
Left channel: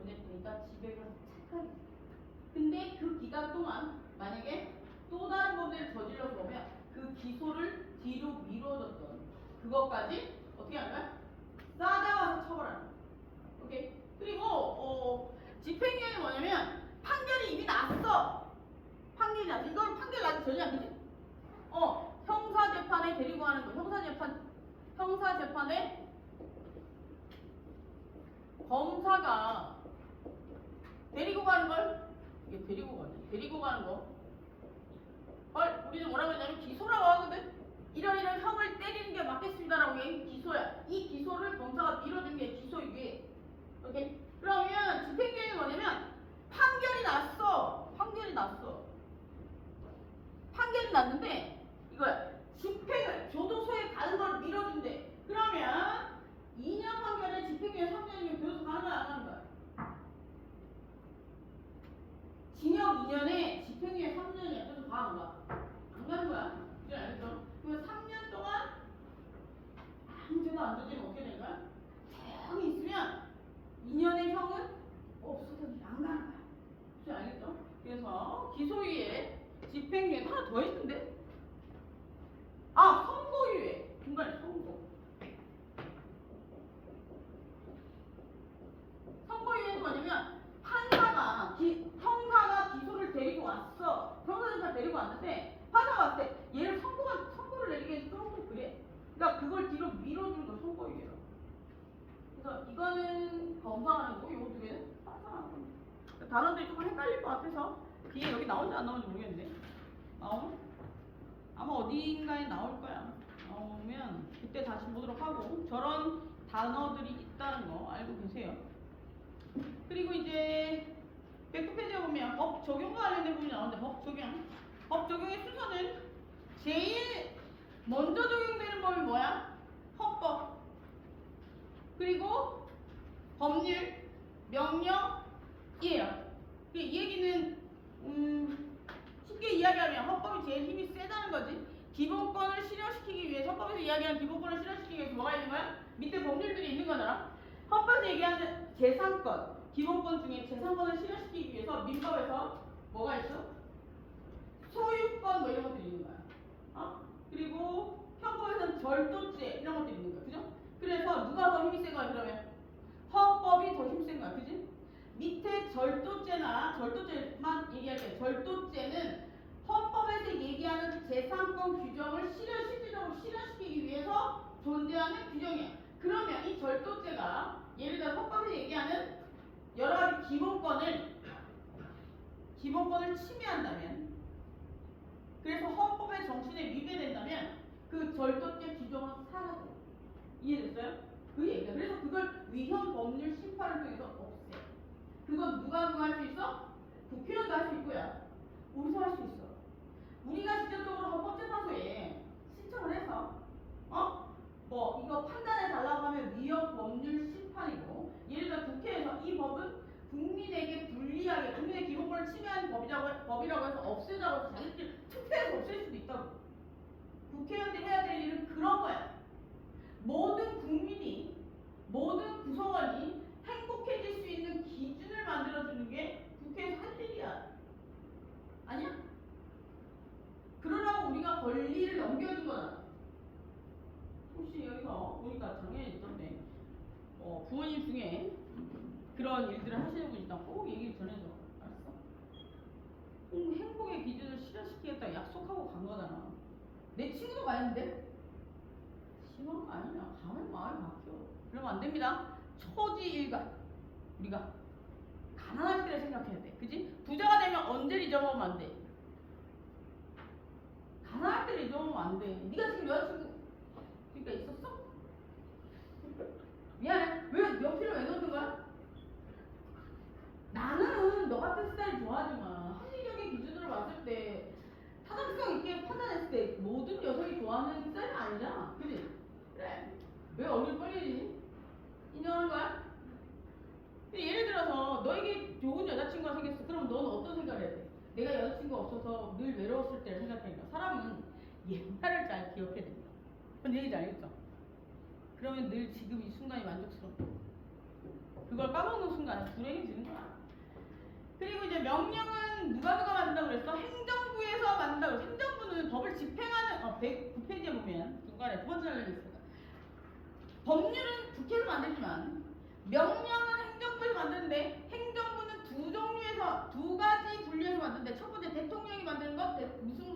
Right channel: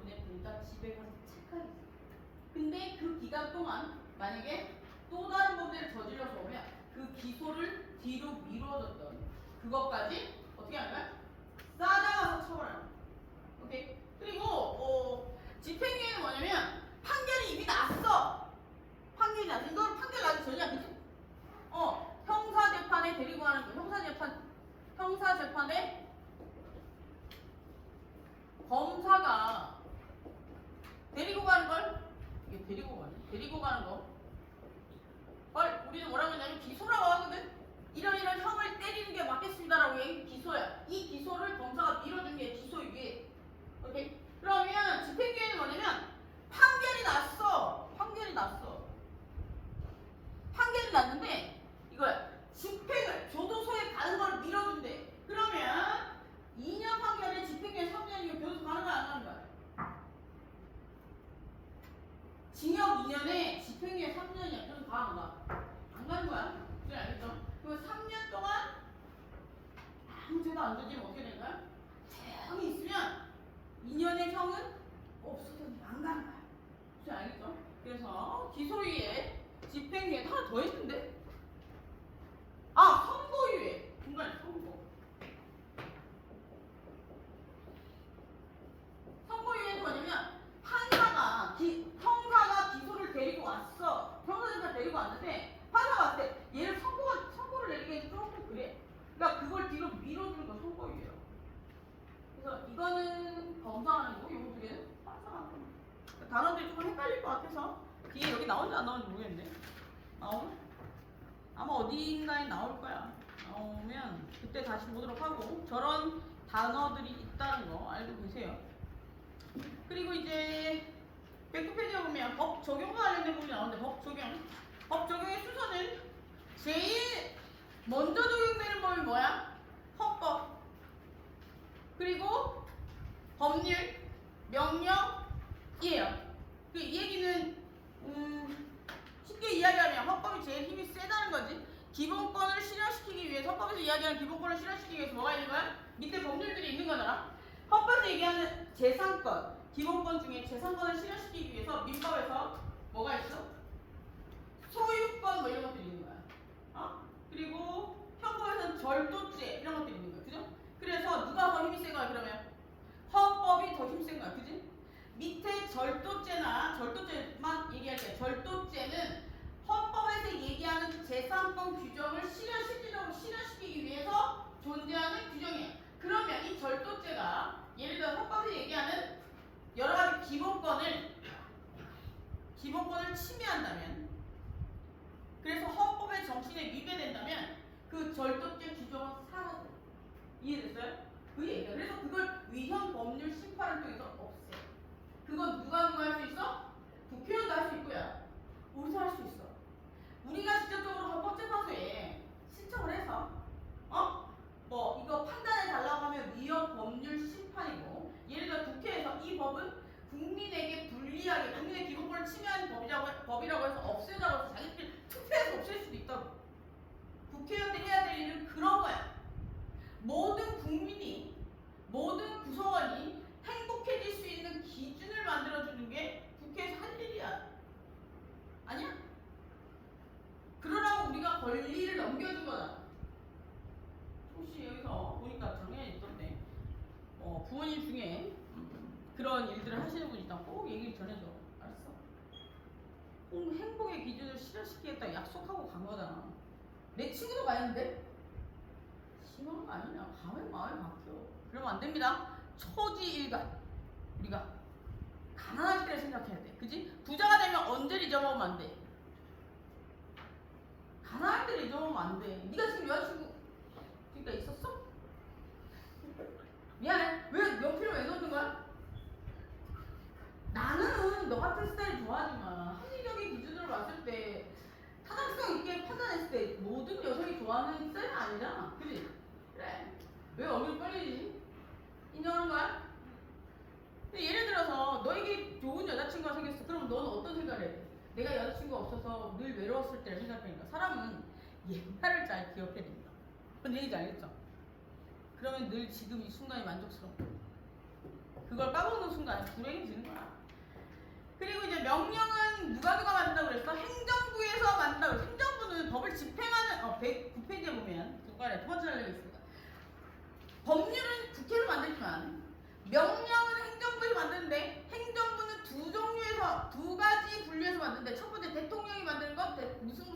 보냈으니까 집에 가서 체크하겠어. 근데 그 기간 동안 만약에 또 다른 범죄를 저질러서 오면 그 기소를 뒤로 미뤄줬던 그것까지 어떻게 하는 거야? 싸잡아서 처벌하는 거야. 오케이? 그리고 집행유예는 뭐냐면 판결이 이미 났어. 판결이 났어. 이걸 판결 나기 전이야, 그치? 형사재판에 데리고 가는 거. 형사재판에 검사가 데리고 가는 걸, 이게 데리고 가는 거. 우리는 뭐라고 했냐면 기소라고 하거든? 이런 형을 때리는 게 맞겠습니다라고 해. 기소야. 이 기소를 검사가 밀어준 게 기소유예. 오케이? 그러면 집행유예는 뭐냐면 판결이 났어. 판결이 났는데 이걸 집행을 교도소에 가는 걸 밀어준대. 그러면 2년 판결에 집행유예 3년이면 교도소 가는 거야, 안 가는 거야? 징역 2년에 집행유예 3년이야. 그래서 가, 안 가? 안 가는 거야. 그래, 알겠죠? 그럼 3년 동안 아무 죄도 안 저지르면 어떻게 되는 거야? 조용히 있으면 2년의 형은 없어졌는데 안 가는 거야. 그래, 알겠죠? 그래서 기소유예, 집행유예 하나 더 있는데? 선고유예. 중간에 선고. 선고유예는 뭐냐면 형사가 기소를 데리고 왔어. 형사가 데리고 왔는데 판사가 왔을 때 얘를 선고를 내리기엔 조금 그래. 그러니까 그걸 뒤로 밀어주는 거 선고유예요. 그래서 이거는 검사가 아니고 이 두 개는 판사가 하는 겁니다. 단어들이 조금 헷갈릴 것 같아서 뒤에 여기 나오는지 안 나오는지 모르겠는데 나오면 아마 어딘가에 나올 거야. 나오면 그때 다시 보도록 하고 저런 단어들이 있다는 거 알고 계세요. 그리고 이제 백크페이지에 보면 법 적용과 관련된 부분이 나오는데 법 적용의 순서는 제일 먼저 적용되는 법이 뭐야? 헌법. 그리고 법률, 명령이에요. 이 얘기는 쉽게 이야기하면 헌법이 제일 힘이 세다는 거지. 기본권을 실현시키기 위해서 헌법에서 이야기하는 기본권을 실현시키기 위해서 뭐가 있는 거야? 밑에 법률들이 있는 거잖아. 헌법에서 얘기하는 재산권, 기본권 중에 재산권을 실현시키기 위해서 민법에서 뭐가 있어? 소유권 뭐 이런 것들이 있는 거야. 그리고 형법에서는 절도죄 이런 것들이 있는 거야. 그죠? 그래서 누가 더 힘이 센 거야 그러면? 헌법이 더 힘센 거야. 그지? 밑에 절도죄만 얘기할게요. 절도죄는 헌법에서 얘기하는 재산권 규정을 실현실질적으로 실현시키기 위해서 존재하는 규정이에요. 그러면 이 절도죄가 예를 들어 헌법에서 얘기하는 여러 가지 기본권을 침해한다면, 그래서 헌법의 정신에 위배된다면 그 절도죄 규정은 사라져요. 이해됐어요? 그 얘기야. 그래서 그걸 위헌 법률 심판을 통해서 없애요. 그건 누가 할 수 있어? 국회의원도 할 수 있고요. 우리도 할 수 있어. 우리가 직접적으로 헌법재판소에 신청을 해서 이거 판단해 달라고 하면 위헌 법률 심판이고, 예를 들어 국회에서 이 법은 국민에게 불리하게 국민의 기본권을 침해하는 법이라고 해서 없애자고 해서 자기들끼리 투표해서 없앨 수도 있다고. 국회의원들이 해야 될 일은 그런 거야. 모든 국민이, 모든 구성원이 행복해질 수 있는 기준을 만들어주는 게 국회에서 할 일이야. 아니야? 그러라고 우리가 권리를 넘겨준 거다. 혹시 여기서 보니까 작년에 있던데 부모님 중에 그런 일들을 하시는 분이 있다면 꼭 얘기를 전해줘. 알았어? 행복의 기준을 실현시키겠다 약속하고 간 거잖아. 내 친구도 가는데 심한 거 아니냐? 가면 마음이 바뀌어. 그러면 안 됩니다. 초지일관. 우리가 가난할 때를 생각해야 돼. 그지? 부자가 되면 언제를 잊어먹으면 안 돼. 가난할 때를 잊어먹으면 안 돼. 네가 지금 여자친구 그러니까 있었어? 미안해. 왜 연필을 왜 넣는 거야? 나는 너 같은 스타일 좋아하지만 합리적인 기준으로 봤을 때 타당성 있게 판단했을 때 모든 여성이 좋아하는 스타일은 아니잖아. 그지? 그래. 왜 얼굴이 빨개지지? 인정하는 거야? 근데 예를 들어서 너에게 좋은 여자친구가 생겼어. 그럼 너는 어떤 생각을 해? 내가 여자친구가 없어서 늘 외로웠을 때를 생각하니까 사람은 옛날을 잘 기억해야 된다. 그건 얘기인지 알겠죠? 그러면 늘 지금 이 순간이 만족스러워. 그걸 까먹는 순간 거야. 불행이 지는 거야. 그리고 이제 명령은 누가 만든다고 그랬어? 행정부에서 만든다고 그랬어. 행정부는 법을 집행하는 109페이지에 보면 중간에 두 번째 알려 있습니다. 법률은 국회로 만들지만 명령은 행정부에서 만드는데 행정부는 두 가지 분류해서 만드는데 첫 번째 대통령이 만드는 것 무슨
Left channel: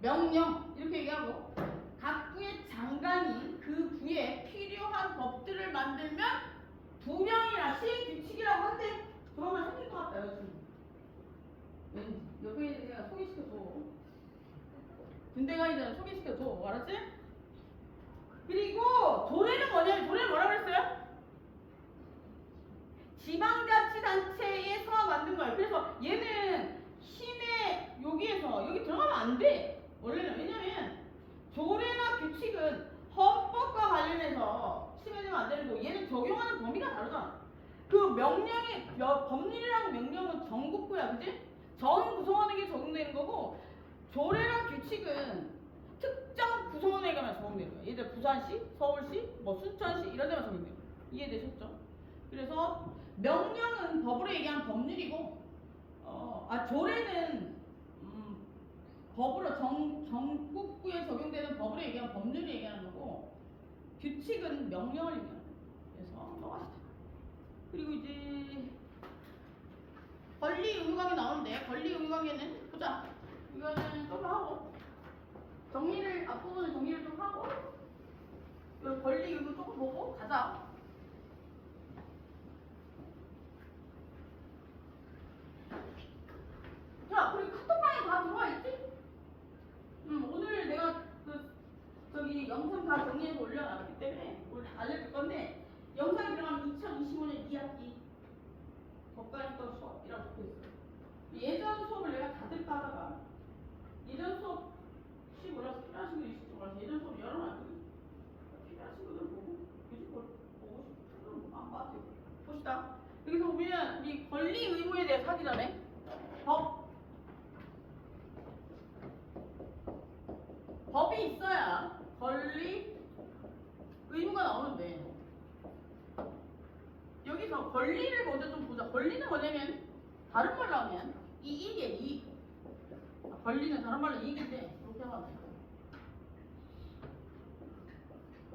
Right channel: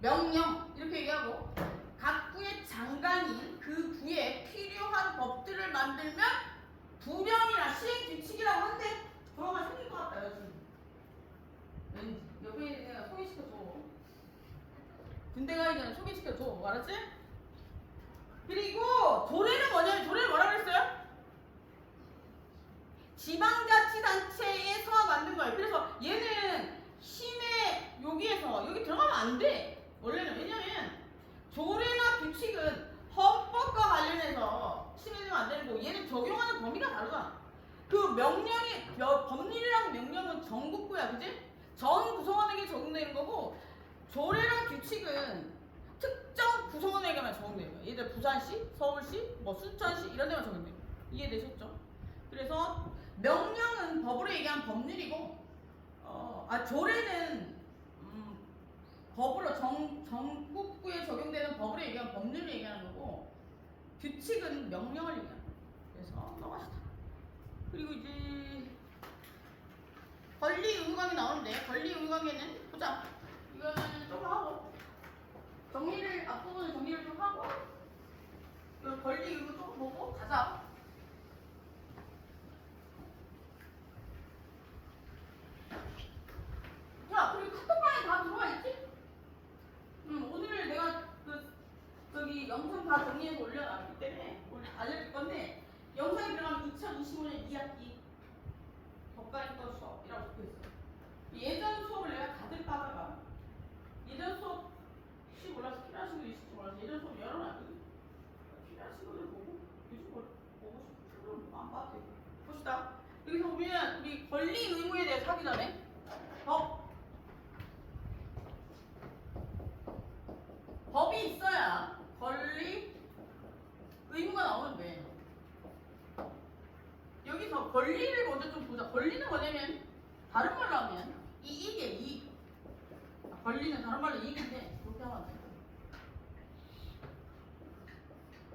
명령 이렇게 얘기하고 각 부의 장관이 그 부에 필요한 법들을 만들면 부령이나 시행 규칙이라고 한대. 그러면 생길 것 같다 여러분. 왠지 옆에 내가 소개시켜줘. 군대 가기 전에 소개시켜줘. 알았지? 그리고 조례는 뭐냐면 조례는 뭐라고 그랬어요? 지방자치단체에서 만든 거예요. 그래서 얘는 시내 여기에서 여기 들어가면 안 돼. 원래는. 왜냐면 조례나 규칙은 헌법과 관련해서 침해되면 안 되는 거고 얘는 적용하는 범위가 다르잖아. 그 명령이 법률이라는 명령은 전국구야, 그지? 전 구성원에게 적용되는 거고 조례랑 규칙은 특정 구성원에게만 적용되는 거야. 예를 들어 부산시, 서울시, 뭐 순천시 이런 데만 적용돼요. 이해되셨죠? 그래서 명령은 법으로 얘기한 법률이고, 조례는 법으로 전국구에 적용되는 법으로 얘기한 법률을 얘기하는 거고, 규칙은 명령을 얘기하는 거예요. 그래서 넘어가시다. 그리고 이제 권리 의무강이 나오는데 권리 의무강에는 보자. 이거는 좀 하고 앞부분은 정리를 좀 하고 권리 의무 조금 보고 가자. 자, 그리고 카톡방에 다 들어와 있지? 오늘 내가 저기 영상 다 정리해서 올려놨기 때문에 오늘 알려줄 건데 영상에 들어가면 2025년 2학기 법관인도 수업이라고 적혀있어요. 예전 수업을 내가 다들 따다가 예전 수업 혹시 몰라서 필요하신 분 있을지 몰라서 예전 수업 열어놨더니 필요하신 분들 보고 요즘 보고 싶은 분들은 안 봐도 되고 봅시다. 여기서 보면 우리 권리 의무에 대해서 하기 전에 법이 있어야 권리 의무가 나오는데 여기서 권리를 먼저 좀 보자. 권리는 뭐냐면 다른 말로 하면 이익이에요. 이익. 권리는 다른 말로 이익인데 그렇게 하면 안 되고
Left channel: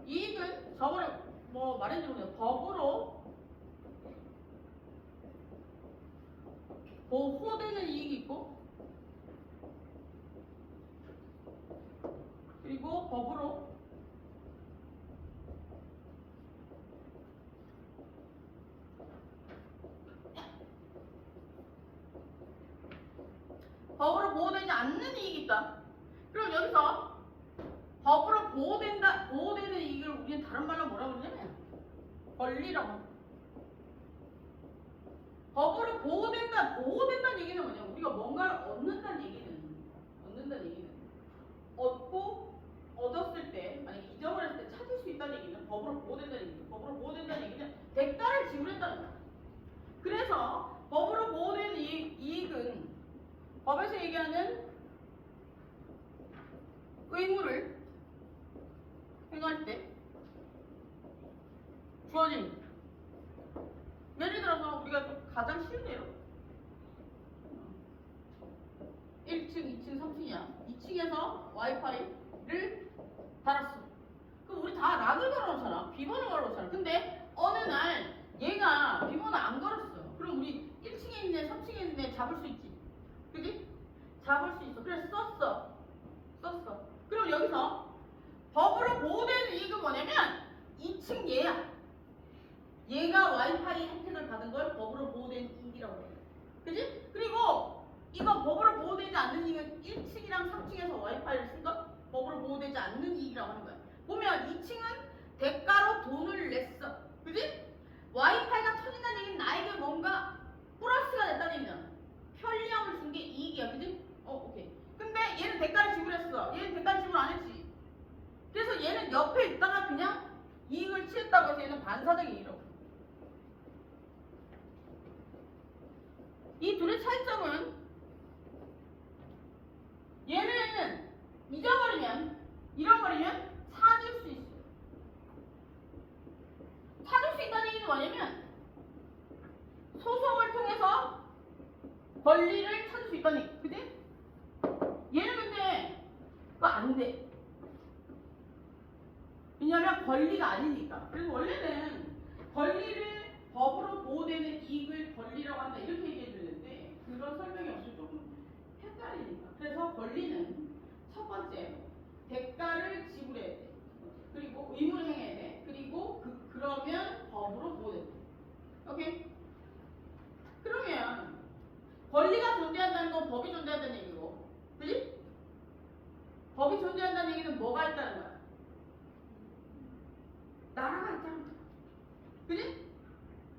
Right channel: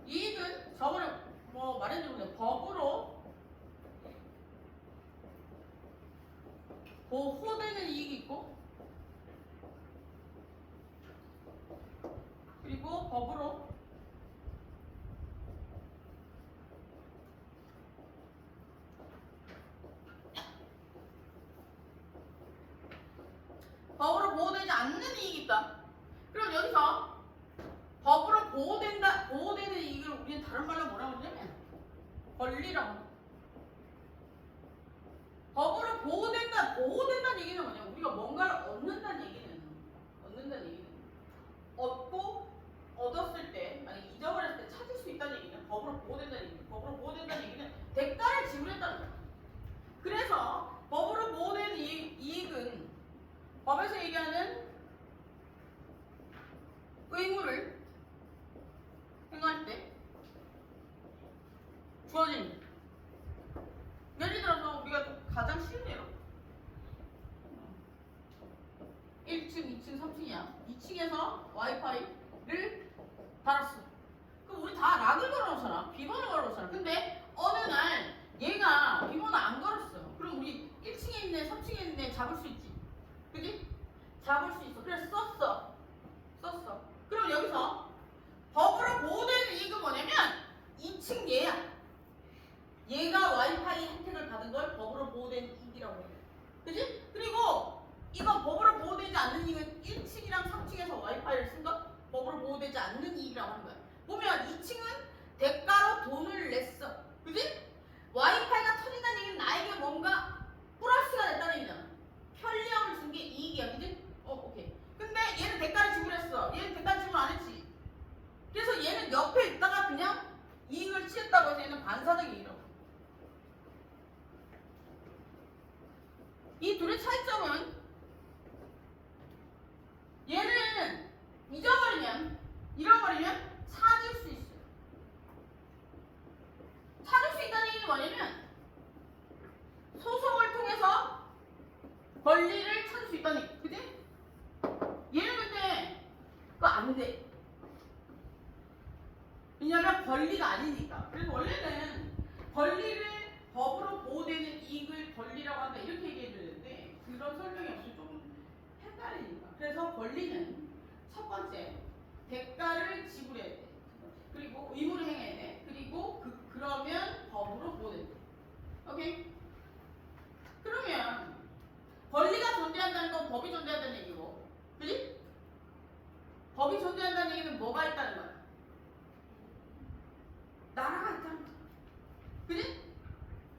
이익은 저번에 뭐 말했는데 법으로 보호되는 이익이 있고 그리고 법으로 보호되지 않는 이익이 있다. 그럼 여기서 법으로 보호되는 이익을 우리는 다른 말로 뭐라고 그러냐면 권리라고. 법으로 보호된다는 얘기는 뭐냐? 우리가 뭔가를 얻는다는 얘기는 얻었을 때, 만약 잊어버렸을 때 찾을 수 있다는 얘기는 법으로 보호된다는 얘기죠. 법으로 보호된다는 얘기는 대가를 지불했다는 거야. 그래서 법으로 보호된 이익은 법에서 얘기하는 의무를 행할 때 주어진 예를 들어서 우리가 좀 가장 쉬운 예로 1층, 2층, 3층이야. 2층에서 와이파이를 달았어. 그럼 우리 다 락을 걸어놓잖아. 비번을 걸어놓잖아. 근데 어느 날 얘가 비번을 안 걸었어요. 그럼 우리 1층에 있네, 3층에 있네 잡을 수 있지. 그지? 잡을 수 있어. 그래서 썼어. 그럼 여기서 법으로 보호되는 이익은 뭐냐면 2층 얘가 와이파이 혜택을 받은 걸 법으로 보호된 이익이라고 해요. 그지? 그리고 이건 법으로 보호되지 않는 이익은 1층이랑 3층에서 와이파이를 쓴 것 법으로 보호되지 않는 이익이라고 하는 거야. 보면 2층은 대가로 돈을 냈어. 그지? 와이파이가 터진다는 얘기는 나에게 뭔가 플러스가 됐다는 얘기잖아. 편리함을 준 게 이익이야. 그지? 오케이. 근데 얘는 대가를 지불했어. 얘는 대가를 지불 안 했지. 그래서 얘는 옆에 있다가 그냥 이익을 취했다고 해서 얘는 반사적 이익이라고. 이 둘의 차이점은 얘는 잃어버리면 찾을 수 있어요. 찾을 수 있다는 얘기는 뭐냐면 통해서 권리를 찾을 수 있다는 얘기. 그지? 얘는 근데 그거 안 돼. 왜냐면 권리가 아니니까. 그래서 원래는 권리를 법으로 보호되는 이익을 권리라고 한다 이렇게 얘기해 주는데 그런 설명이 없이 조금 헷갈리니까. 그래서 권리는 첫 번째 대가를 지불해야 돼. 그리고 의무를 행해야 돼. 그리고 그러면 법으로 보호된다. 오케이? 그러면 권리가 존재한다는 건 법이 존재한다는 얘기고, 그지? 법이 존재한다는 얘기는 뭐가 있다는 거야? 나라가 있다는 거야. 그지?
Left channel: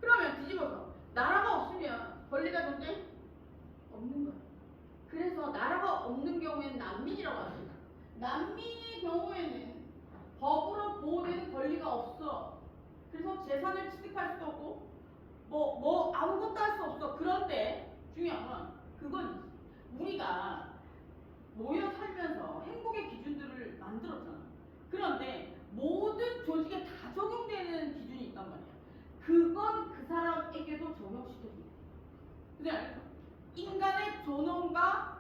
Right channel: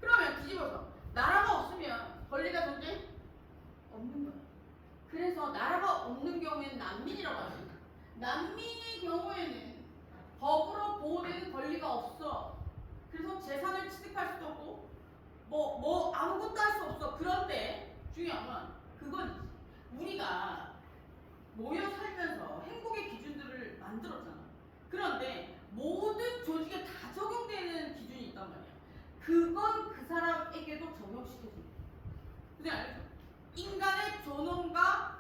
그러면 뒤집어서 나라가 없으면 권리가 존재? 없는 거야. 그래서 나라가 없는 경우에는 난민이라고 합니다. 난민의 경우에는 법으로 보호되는 권리가 없어. 그래서 재산을 취득할 수도 없고 뭐 아무것도 할 수 없어. 그런데 중요한 건 그건 우리가 모여 살면서 행복의 기준들을 만들었잖아. 그런데 모든 조직에 다 적용되는 기준이 있단 말이야. 그건 그 사람에게도 적용시켜줘. 그냥 알죠? 인간의 존엄과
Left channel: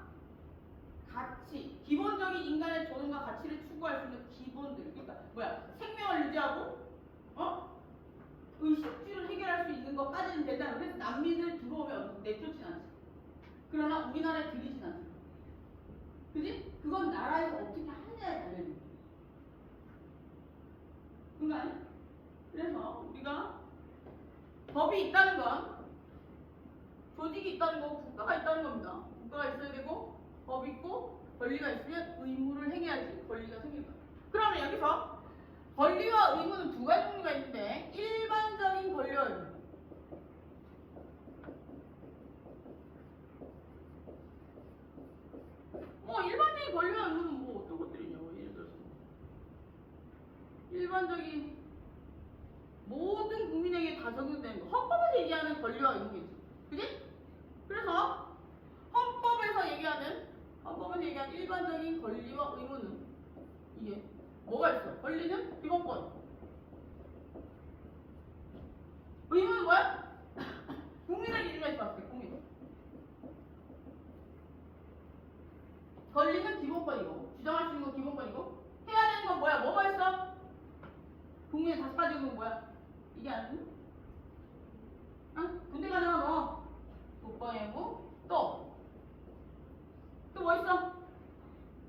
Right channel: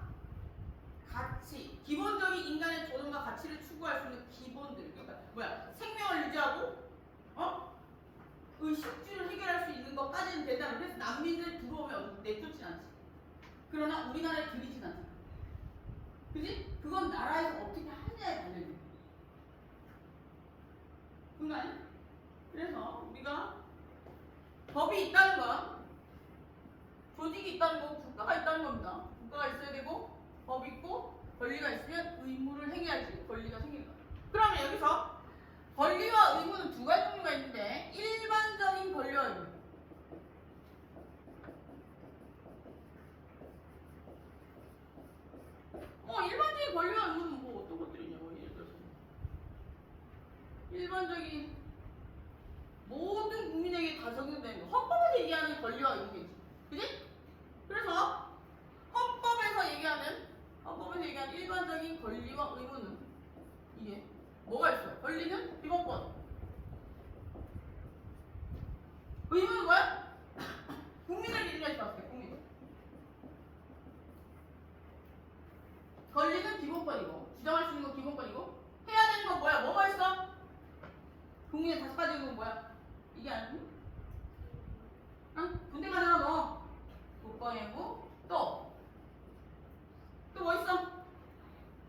가치, 기본적인 인간의 존엄과 가치를 추구할 수 있는 기본들. 그러니까 생명을 유지하고 의식주를 해결할 수 있는 것까지는 된다는. 그래서 난민들 들어오면 내쫓진 않지. 그러나 우리나라에 들이진 않잖아. 그지? 그건 나라에서 어떻게 하느냐에 달려있는 거야. 그런가요? 그래서 우리가 법이 있다는 건 조직이 있다는 거고 국가가 있다는 겁니다. 국가가 있어야 되고 법이 있고 권리가 있으면 의무를 행해야지 권리가 생길 거야. 그러면 여기서 권리와 의무는 두 가지 종류가 있는데 일반적인 권리와 의무. 일반적인 권리와 의무는 뭐 어떤 것들이 있냐고. 예를 들어서 일반적인 모든 국민에게 다 적용되는 거. 헌법에서 얘기하는 권리와 의무겠지. 그지? 그래서 헌법에서 얘기하는 일반적인 권리와 의무는 이게 뭐가 있어? 권리는 기본권. 의무는 뭐야? 국민을 얘기하지 마세요. 국민. 권리는 기본권이고 주장할 수 있는 건 기본권이고 해야 되는 건 뭐야? 뭐가 있어? 국민의 다섯 가지 의무는 뭐야? 이게 아니고? 응? 군대 가잖아 너. 국방의무 또 뭐 있어?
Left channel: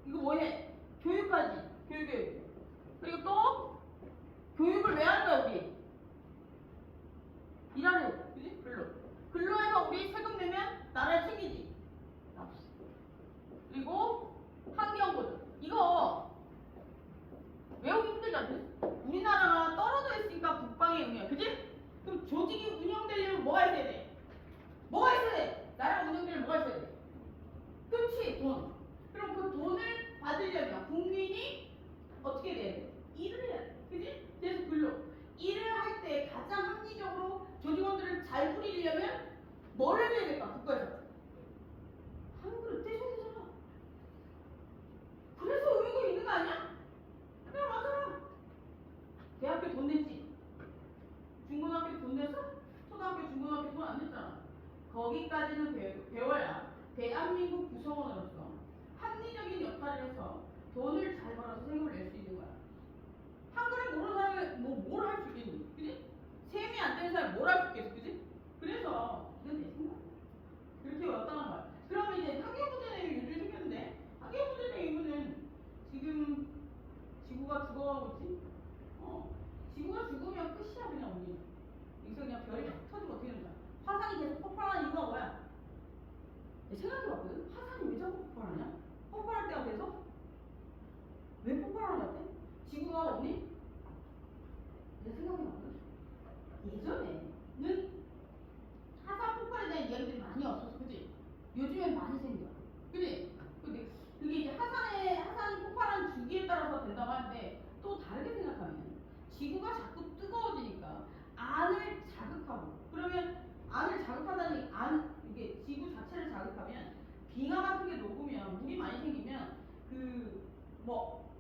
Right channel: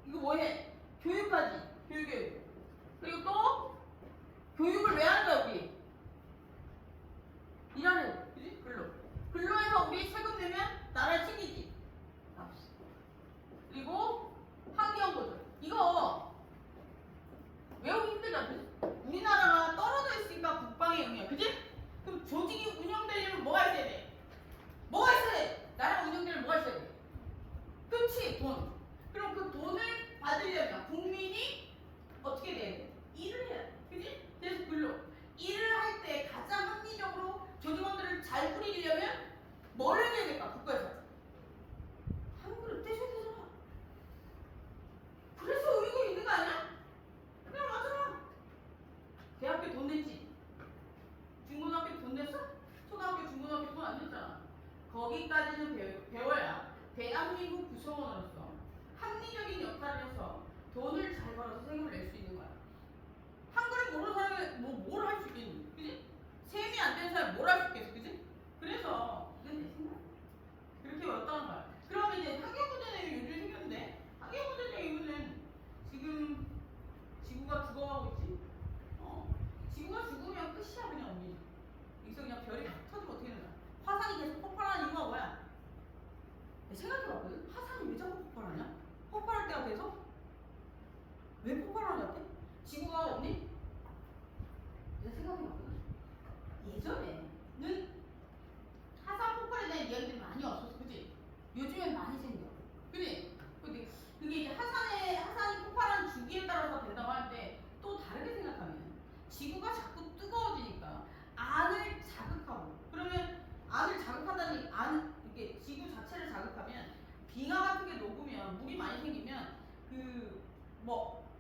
이거 뭐해? 교육하지. 교육. 그리고 또 교육을 왜 하는 거야 우리? 일하는, 그지? 근로해서 우리 세금 내면 나라를 챙기지. 그리고 환경보전. 이거 외우기 힘들지 않니? 우리나라가 떨어져 있으니까 국방의 의무야. 그지? 그럼 조직이 운영되려면 뭐가 있어야 돼? 뭐가 있어야 돼? 나라가 운영되려면 뭐가 있어야 돼? 그렇지, 돈. 그럼 그 돈을 받으려면 국민이 어떻게 돼야 돼? 일을 해야 돼. 그지? 그래서 일을 할 때 가장 합리적으로 조직원들을 잘 꾸리려면 뭐를 해야 될까? 국가에서. 한 그릇 떼줘야 되잖아. 그래서 의무가 있는 거 아니야? 그냥 맞잖아. 대학교 돈 냈지? 중고등학교 돈 냈어? 초등학교, 중고등학교 돈 안 냈잖아. 거기까지는 배워야 대한민국 구성원으로서 합리적인 역할을 해서 돈을 잘 벌어서 세금을 낼 수 있는 거야. 한글을 모르는 사람이 뭘 할 수 있겠니? 그지? 셈이 안 되는 사람이 뭘 할 수 있겠어? 그지? 그래서 이건 내 생각. 그렇게 어렵다는 거야. 그러면 이제 환경부전의 요즘 생겼는데 환경부전의 이유는 지금 지구가 죽어가고 있지? 지구가 죽으면 끝이야 그냥 우리. 여기서 그냥 별이 막 터지고 어떻게 되는 거야? 화산이 계속 폭발하는 이유가 뭐야? 생각해봤거든? 화산이 왜 자꾸 폭발하냐? 폭발할 때가 돼서? 왜 폭발하는 것 같아? 지구가 없니? 내가 생각해봤거든? 예전에는 화산 폭발에 대한 이야기들이 많이 없었어. 그치? 요즘엔 많이 생겨. 그치? 근데 그게 이제 화산이 폭발하는 주기에 따라서 된다고 하는데 또 다르게 생각하면 지구가 자꾸 뜨거워지니까 안을 자극하고 그러면 안을 자극한다는 이게 지구 자체를 자극하면 빙하 같은 게 녹으면 물이 많이 생기면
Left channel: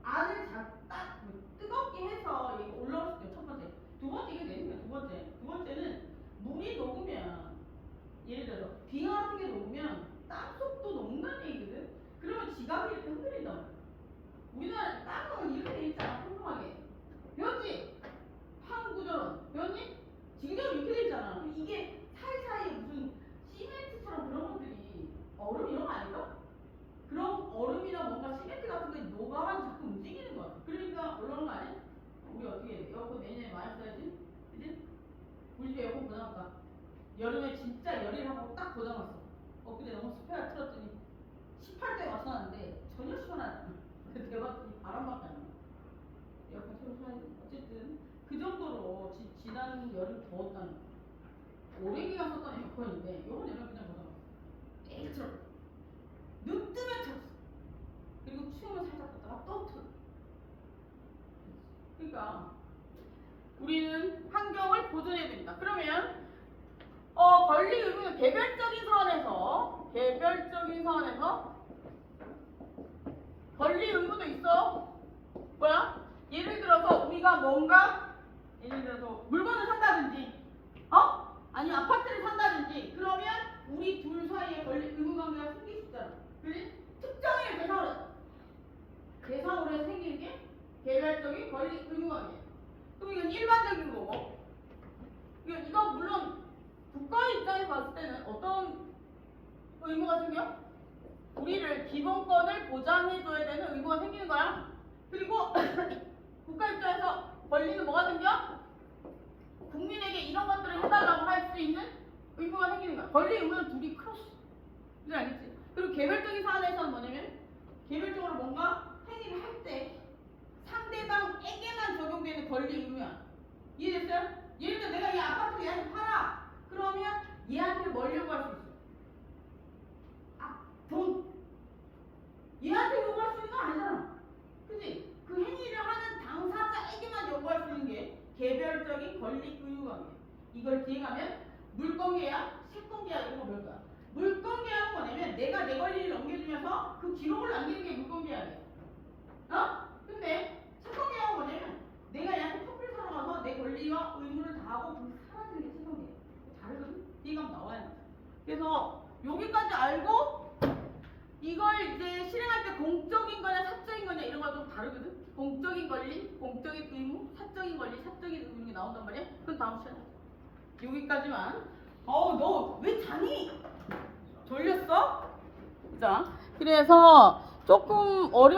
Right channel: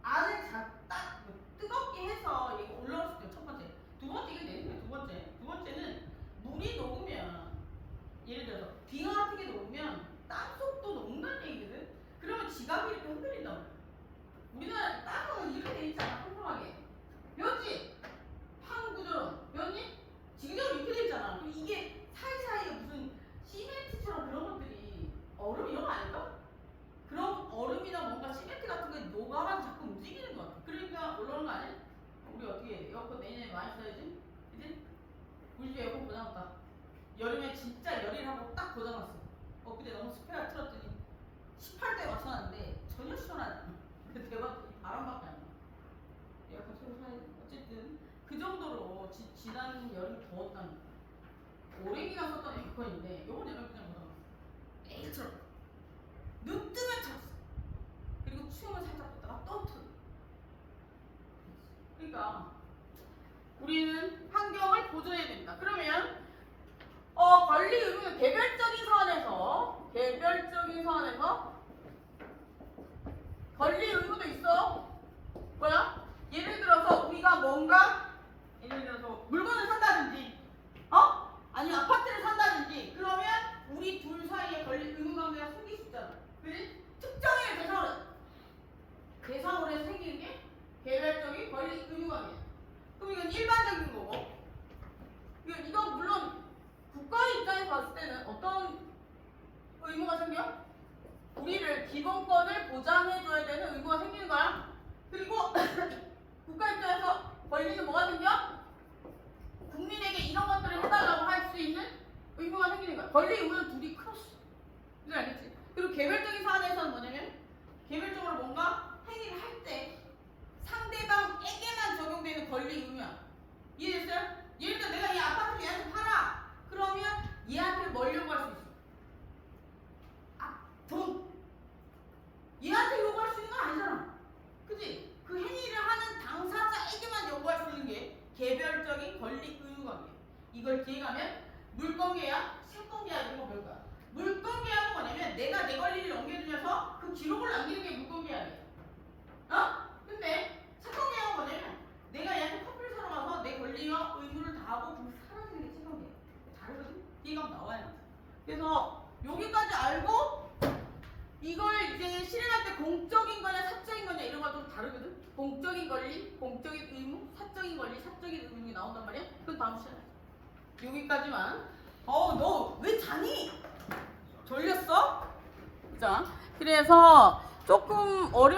안을 딱 뜨겁게 해서 얘가 올라올 수 있어요. 첫 번째. 두 번째 이게 내는 거야. 두 번째는 물이 녹으면 예를 들어서 여름에 진짜 열일하고 딱 고장났어. 엊그제 너무 습해가 틀었더니 18도에 맞춰놨는데 전혀 시원하지 않아. 그 대박 바람밖에 안 나. 에어컨 새로 사야 돼. 어쨌든 그 정도로 지난 여름 더웠다는 거. 오랜 기간 썼던 에어컨인데 요번 여름 그냥 고장났어. 매일 틀어. 눈 뜨면 틀었어. 그리고 추우면 살짝 껐다가 또 틀어. 그러니까 우리는 환경을 보존해야 됩니다. 그러면 권리 의무는 개별적인 사안에서 권리 의무도 있어. 뭐야? 예를 들어서 우리가 뭔가 예를 들어서 물건을 산다든지 아니면 아파트를 산다든지 그러면 우리 둘 사이에 권리 의무 관계가 생길 수 있잖아. 그지? 특정의 대상으로 해서 생기는 게 개별적인 권리 의무 관계. 그럼 이건 일반적인 거고. 이건 물론 국가의 입장에서 봤을 때는 어떤 의무가 생겨? 우리를 기본권을 보장해줘야 되는 의무가 생기는 거야. 그리고 국가 입장에서 권리는 뭐가 생겨? 국민에게 이런 것들을 해달라고 할 수 있는 의무가 생기는 거야. 권리 의무는 둘이 크로스. 이제 알겠지? 그리고 개별적인 사안에서는 뭐냐면 개별적으로 뭔가 행위를 할 때 상대방에게만 적용되는 권리 의무야. 이해됐어요? 예를 들어 내가 이 아파트를 얘한테 팔아. 그러면 얘한테 뭘 요구할 수 있어? 돈. 얘한테 요구할 수 있는 거 아니잖아. 그치? 그 행위를 하는 당사자에게만 요구할 수 있는 게 개별적인 권리 의무 관계. 이걸 뒤에 가면 물권계약, 채권계약 이런 거 배울 거야. 물권계약은 뭐냐면 내가 내 권리를 넘겨주면서 그 기록을 남기는 게 물권계약이야. 근데 채권계약은 뭐냐면 내가 얘한테 커피를 사러 가서 내 권리와 의무를 다하고 그 사라지는 게 채권계약. 다르거든? 얘가 나와야 돼. 그래서 여기까지 알고 이걸 이제 실행할 때 공적인 거냐 사적인 거냐 이런 거 좀 다르거든? 공적인 권리, 공적인 의무, 사적인 권리, 사적인 의무가 나온단 말이야? 그럼 다음 시간에 여기까지만. 너 왜 자니? 졸렸어? 자, 그래서 조금 어려